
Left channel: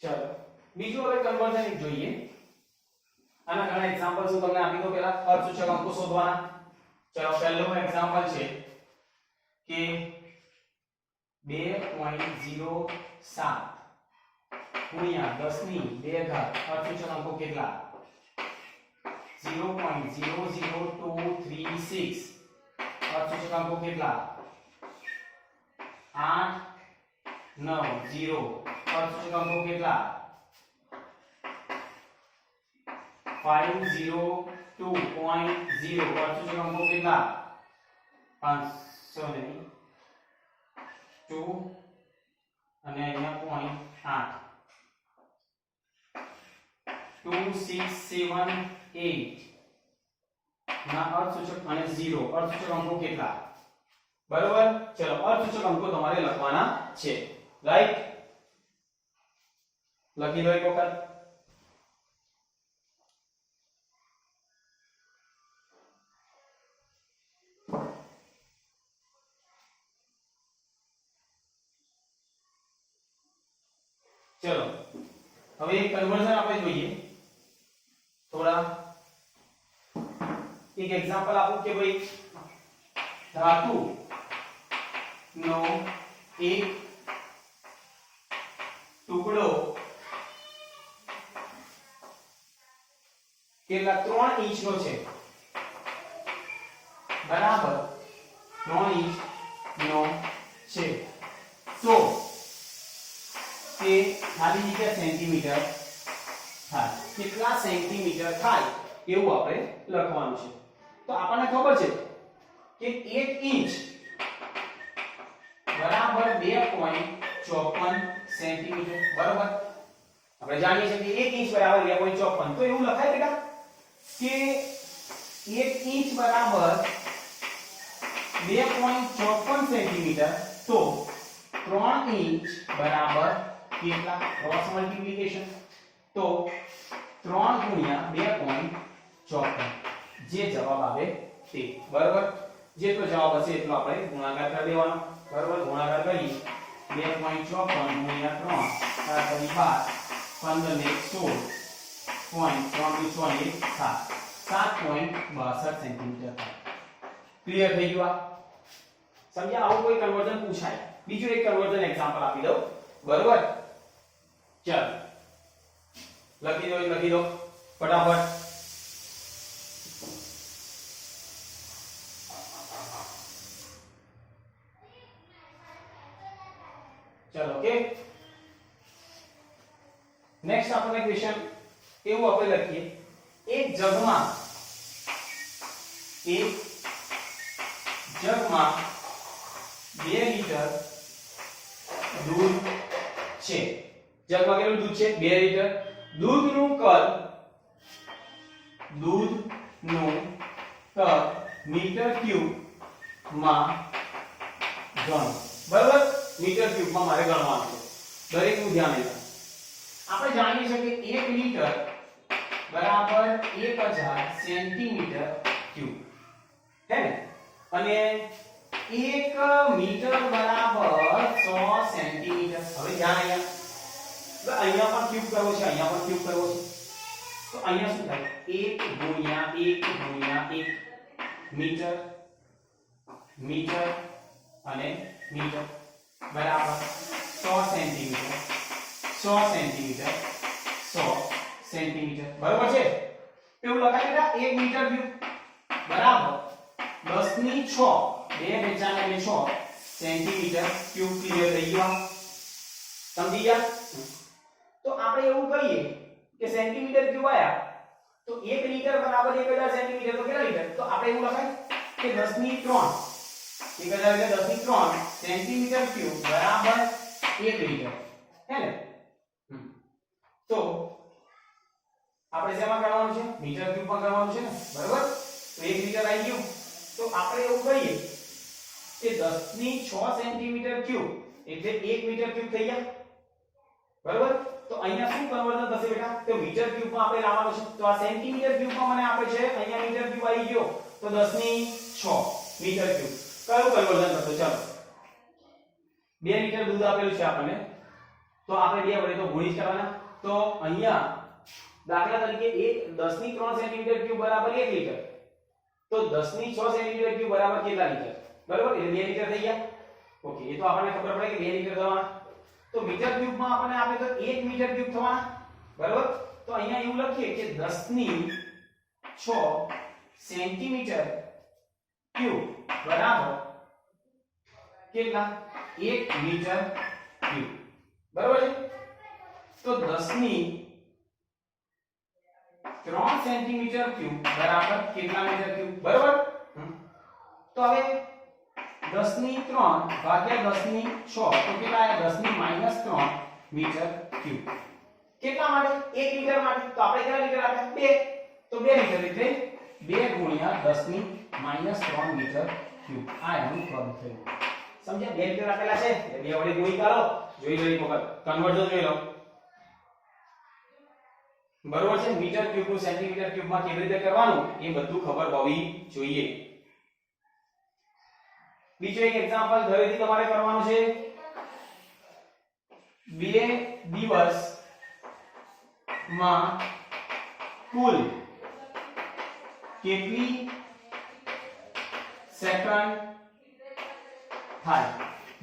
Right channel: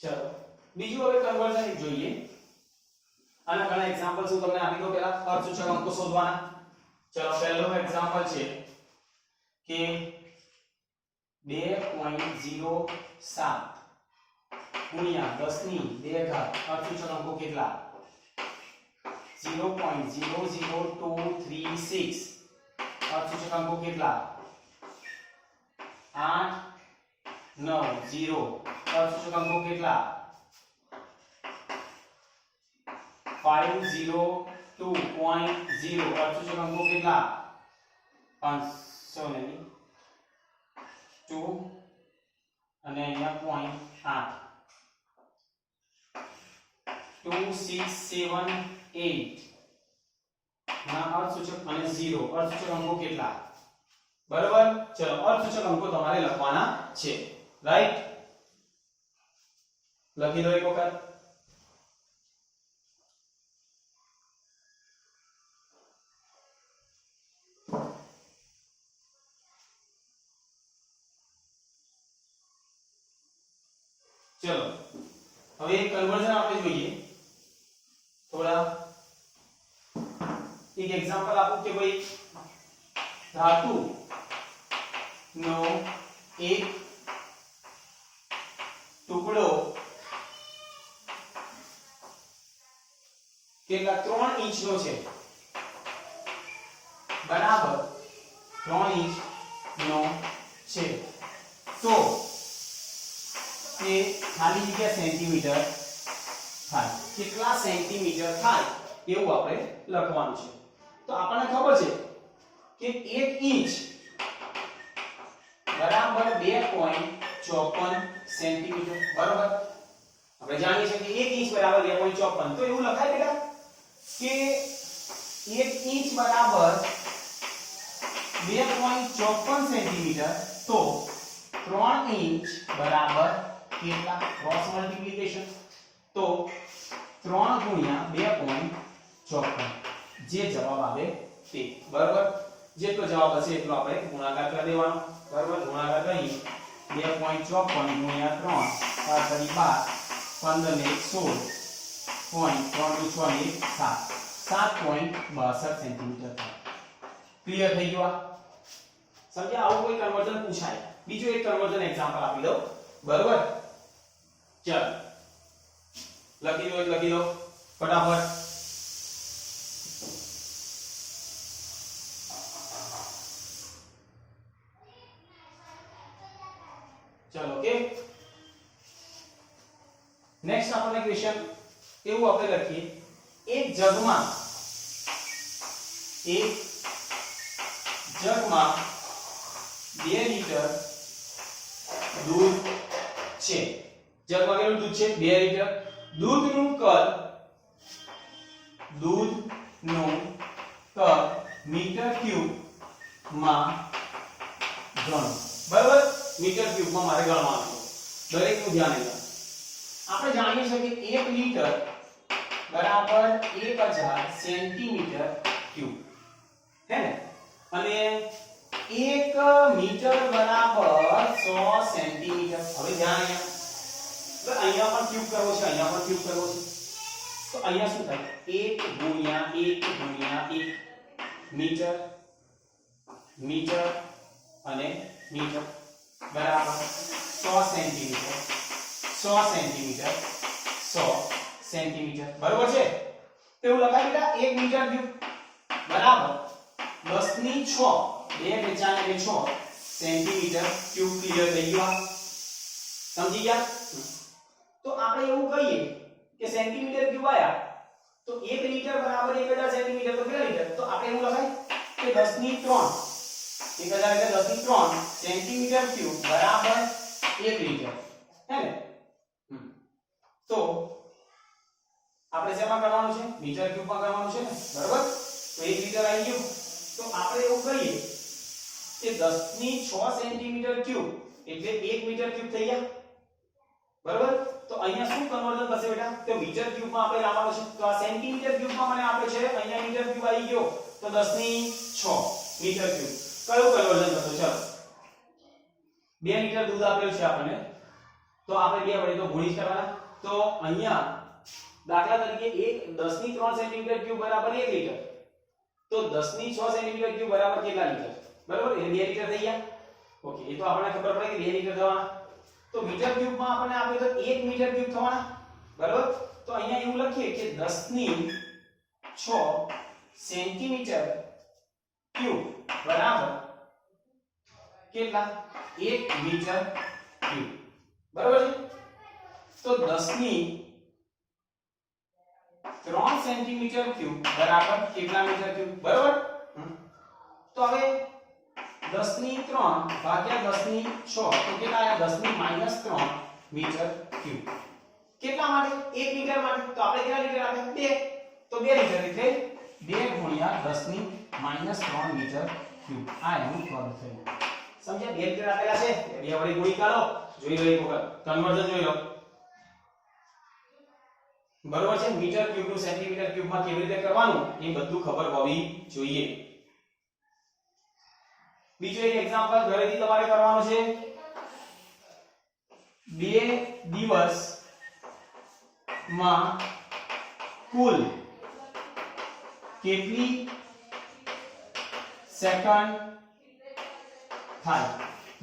ચલો બીજું હવે કન્વર્ઝન જોઈએ આના ઘણા એક્ઝામ્પલ્સ હું તમને આપી દઉં પહેલા અર્ધસૂચક અંકો શોધવાના ચલો પહેલું એક્ઝામ્પલ છે કે 2.07 ગુણ્યા 10 ની 2 ઘાત અર્ધસૂચક અંકો કેટલા 0.00236 અર્ધસૂચક અંકો કેટલા 890 અર્ધસૂચક અંકો કેટલા 502.0 અર્ધસૂચક અંકો કેટલા 500 નહીં 2 અને અહીંયા 0.8 2678 ના અર્ધસૂચક અને 0 અર્ધસૂચક અંકો કેટલા બરોબર ચલો અર્ધસૂચક અંકો તમારે લખવાના છે રાઈટ લખી લો એક વખત चलो હવે એક કન્વર્ઝન આપણે જોઈએ થોડા એક એક્ઝામ્પલ આપું કે ભાઈ ધાતુ નો એક ટુકડો કેટલા 3 ઇંચનો છે બરાબર 3 ઇંચનો છે તો કે ખાલી જગ્યા સેન્ટીમીટર થાય કેટલા સેન્ટીમીટર થાય એવું આપણે લખવાનું છે તો આપણને ખબર છે કે 1 ઇંચ બરાબર 2.54 સેન્ટીમીટર બરાબર આપણે જાણીએ છીએ કે 1 ઇંચ બરાબર 2.54 તો એવું લખાય બેટા કે 1 ઇંચ બરાબર 2.54 સેન્ટીમીટર તો 3 ઇંચ બરાબર કેટલા ક્રોસ મલ્ટીપ્લિકેશન તો 3 ગુણ્યા 2.54 જે જવાબ આવે તે બરાબર જેટલો જવાબ હશે એટલો આપણે ગુણાકાર કરી દેવાનો બરાબર ગુણાકાર કરીએ 2.54 ગુણ્યા 3 4 કરી 12 15 ને 1 16.3 7 7.62 સેન્ટીમીટર થાય ક્લિયર થઈ ગયું આ સમજ્યા આવું કોઈ કન્વર્ઝન પૂછાય બીજો એક કન્વર્ઝન એક્ઝામ્પલ આપી દઉં બરાબર ચાલ લખી દો ફટાફટ ચલો ઓકે નેક્સ્ટ આપણને ક્વેશ્ચન એવું આપણે લખીએ એક જગમાં 2 લીટર દૂધ છે જગમાં કેટલું દૂધ છે 2 લીટર દૂધનું કદ મીટર ક્યુબ માં ગણો બરાબર મીટર ક્યુબ માં મારે ગણવાનું છે દરેકનું ધ્યાન લેવાનું આપણે જાણીએ છીએ કે 1 લીટર બરાબર 1000 સેન્ટીમીટર ક્યુબ હે ને અને 1 મીટર બરાબર 100 સેન્ટીમીટર હવે ધ્યાન અહીંયા પણ ક્યુબ કરવો છે અહીંયા પણ ક્યુબ કરવો છે તો અહીંયા શું થાય 1 ગુણ્યા 1 ગુણ્યા 1 મીટર મીટર અને મીટર બરાબર 100 સેન્ટીમીટર 100 સેન્ટીમીટર 100 સેન્ટીમીટર બરાબર છે એવું લખાય બેટા 1 મીટર ક્યુબ બરાબર 10 ની 6 2 5 6 સેન્ટીમીટર ક્યુબ ક્લિયર થઈ ગયો સમજી ગયા? તો આપણે એવું કહીએ કે સેન્ટીમીટર ક્યુબ આયા તો 1 લિટર બરાબર 1000 સેન્ટીમીટર તો કેટલા લીટર? તો આપણે એવું લખાય કે 10 ની 3 1000 એટલે 10 ની 3 સેન્ટીમીટર ક્યુબ બરાબર 1 લિટર હે ને? તો આપણે શેમાં કરવાનું છે? મીટર ક્યુબમાં કરવાનું છે ને, બરાબર? તો 1 લિટર આવી ગયું તો આપણે એવું કહીએ કે 10 ની 6 સેન્ટીમીટર ક્યુબ એટલે 1 મીટર ક્યુબ થઈ ગયા, બરાબર? તો અહીંયા શું કન્વર્ઝન થશે બેટા? તો મીટર ક્યુબમાં આપણે લાવવાનું છે. તો આ સેન્ટીમીટર ક્યુબમાં મને આપે છે, અહીંયા મીટર ક્યુબ આવી ગયો તો 10 ની 6 મીટર ક્યુબ. કયું કન્વર્ઝન થશે? ચાલો 2 લિટર દૂધ આપેલું છે આપણને તો આપણે 2 વડે તો ગુણી જ કરવાના. તો અહીંયા દાખલા તરીકે 10 ની 3 સેન્ટીમીટર ક્યુબ બરાબર 1 લિટર તો 10 ની 6 સેન્ટીમીટર ક્યુબ બરાબર કેટલા લિટર? બરાબર, એટલે 2 લિટર થઈ ગયા. ઓકે, એ તો આપણને ખબર પડે કે 2 લિટર થવાના. તો મીટર ક્યુબમાં આપણને આપે તો 1 મીટર ક્યુબ થવાના, બરાબર? તો અહીંયા એવું લખીએ કે 10 ની 6 સેન્ટીમીટર ક્યુબ બરાબર કેટલા? 1 મીટર ક્યુબ, બરાબર છે? તો 10 ની 3 સેન્ટીમીટર ક્યુબ બરાબર કેટલા મીટર ક્યુબ? બરાબર. તો હવે 10 ની 3 ભાગ્યા 10 ની 6 તો કેટલા આયા? 10 ની -3 મીટર ક્યુબ. કેટલા માટે? 1 લિટર માટે. તો આપણે કેટલા લિટર આપ્યા? 2. તો 2 લિટર એટલે 2 ગુણ્યા 10 ની -3 મીટર ક્યુબ. આ એનું પદ થયું. સમજ્યા? 2 લિટર આપેલા છે, 2 વડે ગુણી કાઢો, જોઈ લો એક વખત કન્વર્ઝન જોઈ લો. બરોબર છે? મીટર ક્યુબ નું સેન્ટીમીટર ક્યુબમાં કેવી રીતે કરવાનું એ બધું ખબર હોવી જોઈએ. બીજો એક એક્ઝામ્પલ ઘરેથી તમારે કરવાનું છે. 2 દિવસમાં કુલ કેટલી સેકન્ડ થાય?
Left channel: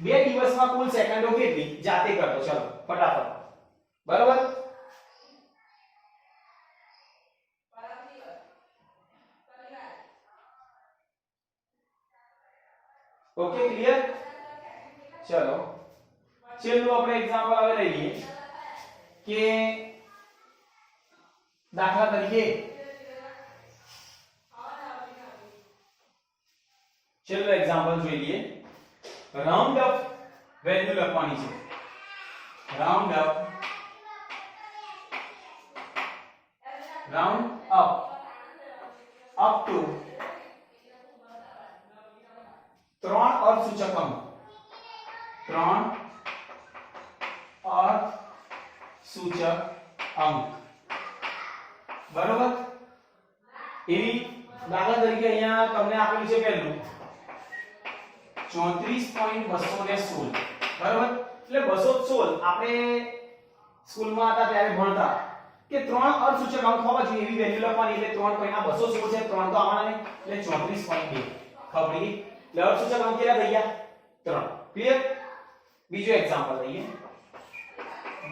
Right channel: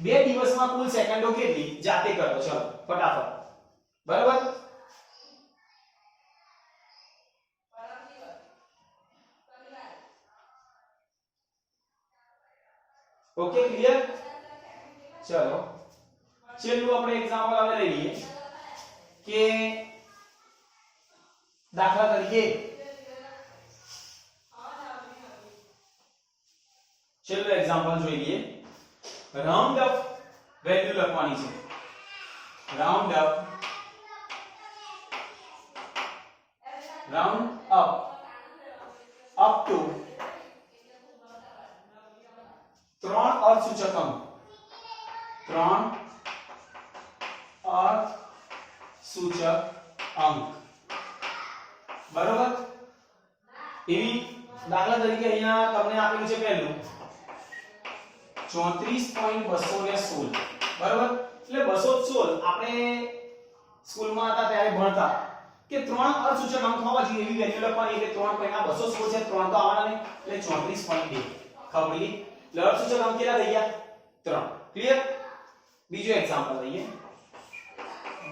2 દિવસમાં કુલ સેકન્ડો કેટલી? જાતે કરો, ચલો ફટાફટ. બરાબર? Okay, clear? ચલો છેલ્લું આપણે એક્ઝામ્પલ હવે લઈ લઈએ કે દાખલા તરીકે છેલ્લું એક્ઝામ્પલ જોઈ લઈએ. રાઉન્ડ અપ વેલ્યુ લખવાની છે. રાઉન્ડ અપ અપ ટુ 3 અર્થસૂચક અંક. 3 અર્થસૂચક અંક, બરોબર? એવી દાખલા તરીકે અહીંયા તમને આપેલું છે પહેલું 34.216, બરોબર? એટલે 216 આપણે સ્કૂલમાં હતા ત્યારે ભણતા કે 3 અર્થસૂચક અંક હોવા જોઈએ એવી વેલ્યુ લખવાની. એટલે 3 પહેલા 216 છે, 3 તો આવવાના ને, એટલે 34.2 ખબર. એટલે અર્થસૂચક અંક કેટલા થઈ ગયા? 3. ક્લિયર? બીજો એક્ઝામ્પલ લઈએ.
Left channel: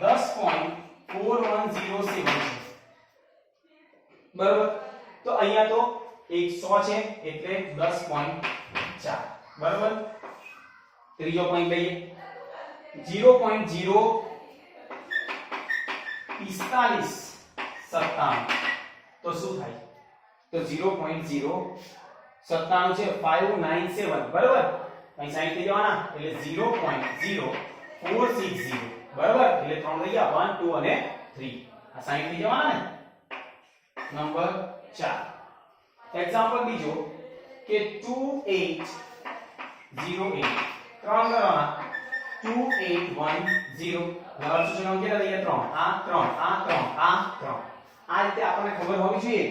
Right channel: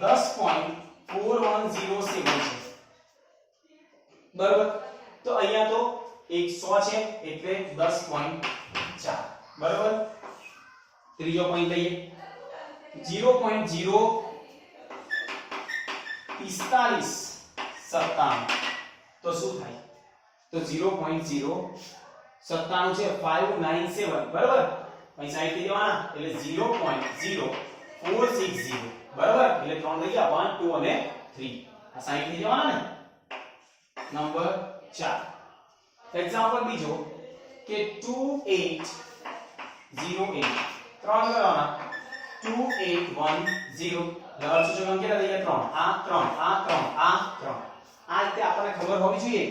10.4107 છે, બરોબર? તો અહીંયા તો 100 છે એટલે 10.4, બરોબર? ત્રીજો પોઈન્ટ લઈએ. 0.04597 તો શું થાય? તો 0.097 છે 597, બરાબર? અહીં સાઈડ થઈ જવાના એટલે 0.0460, બરાબર? એટલે 3 થઈ ગયા, 1 2 અને 3. આ સાઈડ થઈ જવાના ને. નંબર 4 એક્ઝામ્પલ બીજો કે 2808 3 કરવાના 2810 અર્થસૂચક અંક કેટલા થઈ ગયા? 3. આ 3 આ 3 આ 3. આ રીતે આપણને ખબર હોવી જોઈએ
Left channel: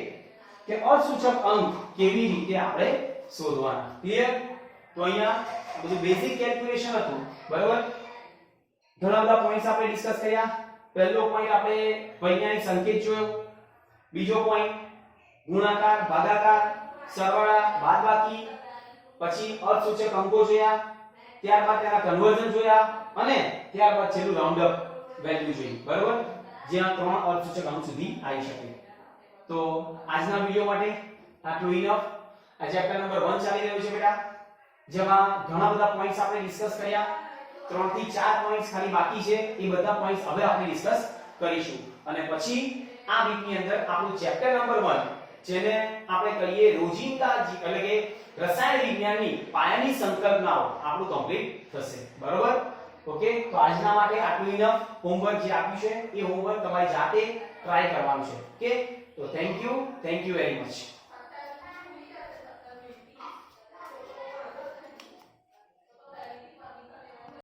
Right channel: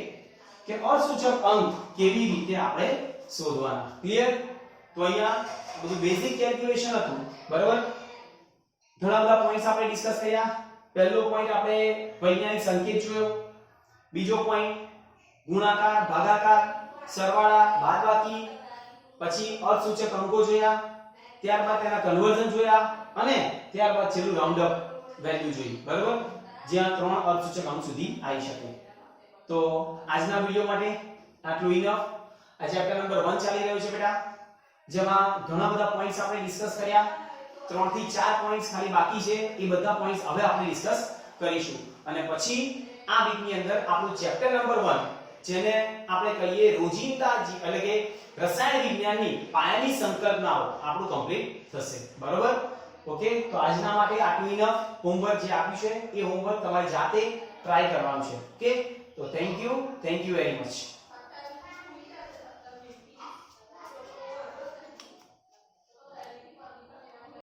કે અર્થસૂચક અંક કેવી રીતે આપણે શોધવાના. ક્લિયર? તો અહીંયા બધું બેઝિક કેલ્ક્યુલેશન હતું, બરાબર? ઘણા બધા પોઈન્ટ્સ આપણે ડિસ્કસ કર્યા. પહેલો પોઈન્ટ આપણે વૈજ્ઞાનિક સંકેત જોયો. બીજો પોઈન્ટ ગુણાકાર, ભાગાકાર, સરવાળા, બાદબાકી, પછી અર્થસૂચક અંકો જોયા, ત્યારબાદ તેના કન્વર્ઝન જોયા અને ત્યારબાદ છેલ્લું રાઉન્ડ અપ વેલ્યુ જોઈ, બરાબર? જ્યાં 3 અર્થસૂચક અંક સુધી આવી શકે. તો આજના વિડિયો માટે આટલું ઇનફ. આ ચેપ્ટર નંબર 1 ચાલી રહ્યો છે બેટા, જેમાં ઘણા બધા પોઈન્ટ્સ આપણે ડિસ્કસ કર્યા. 3 થી 4 પોઈન્ટ્સ ખાલી બાકી છે એ બધા પોઈન્ટ્સ હવે આપણે ડિસ્કસ કરીશું અને પછી આ વીકની અંદર આપણું ચેપ્ટર નંબર 1 જેને આપણે કહીએ રોજિંદા એટલે કે રસાયણ વિજ્ઞાનની પાયાની સંકલ્પનાઓ આપણું કમ્પ્લીટ થશે બરોબર ઓકે તો આજના માટે આટલું ઇનફ હોમવર્ક જે આપ્યું છે એ હોમવર્ક તમારી જાતે ટ્રાય કરવાનું છે ઓકે તો થેન્ક યુ વેરી મચ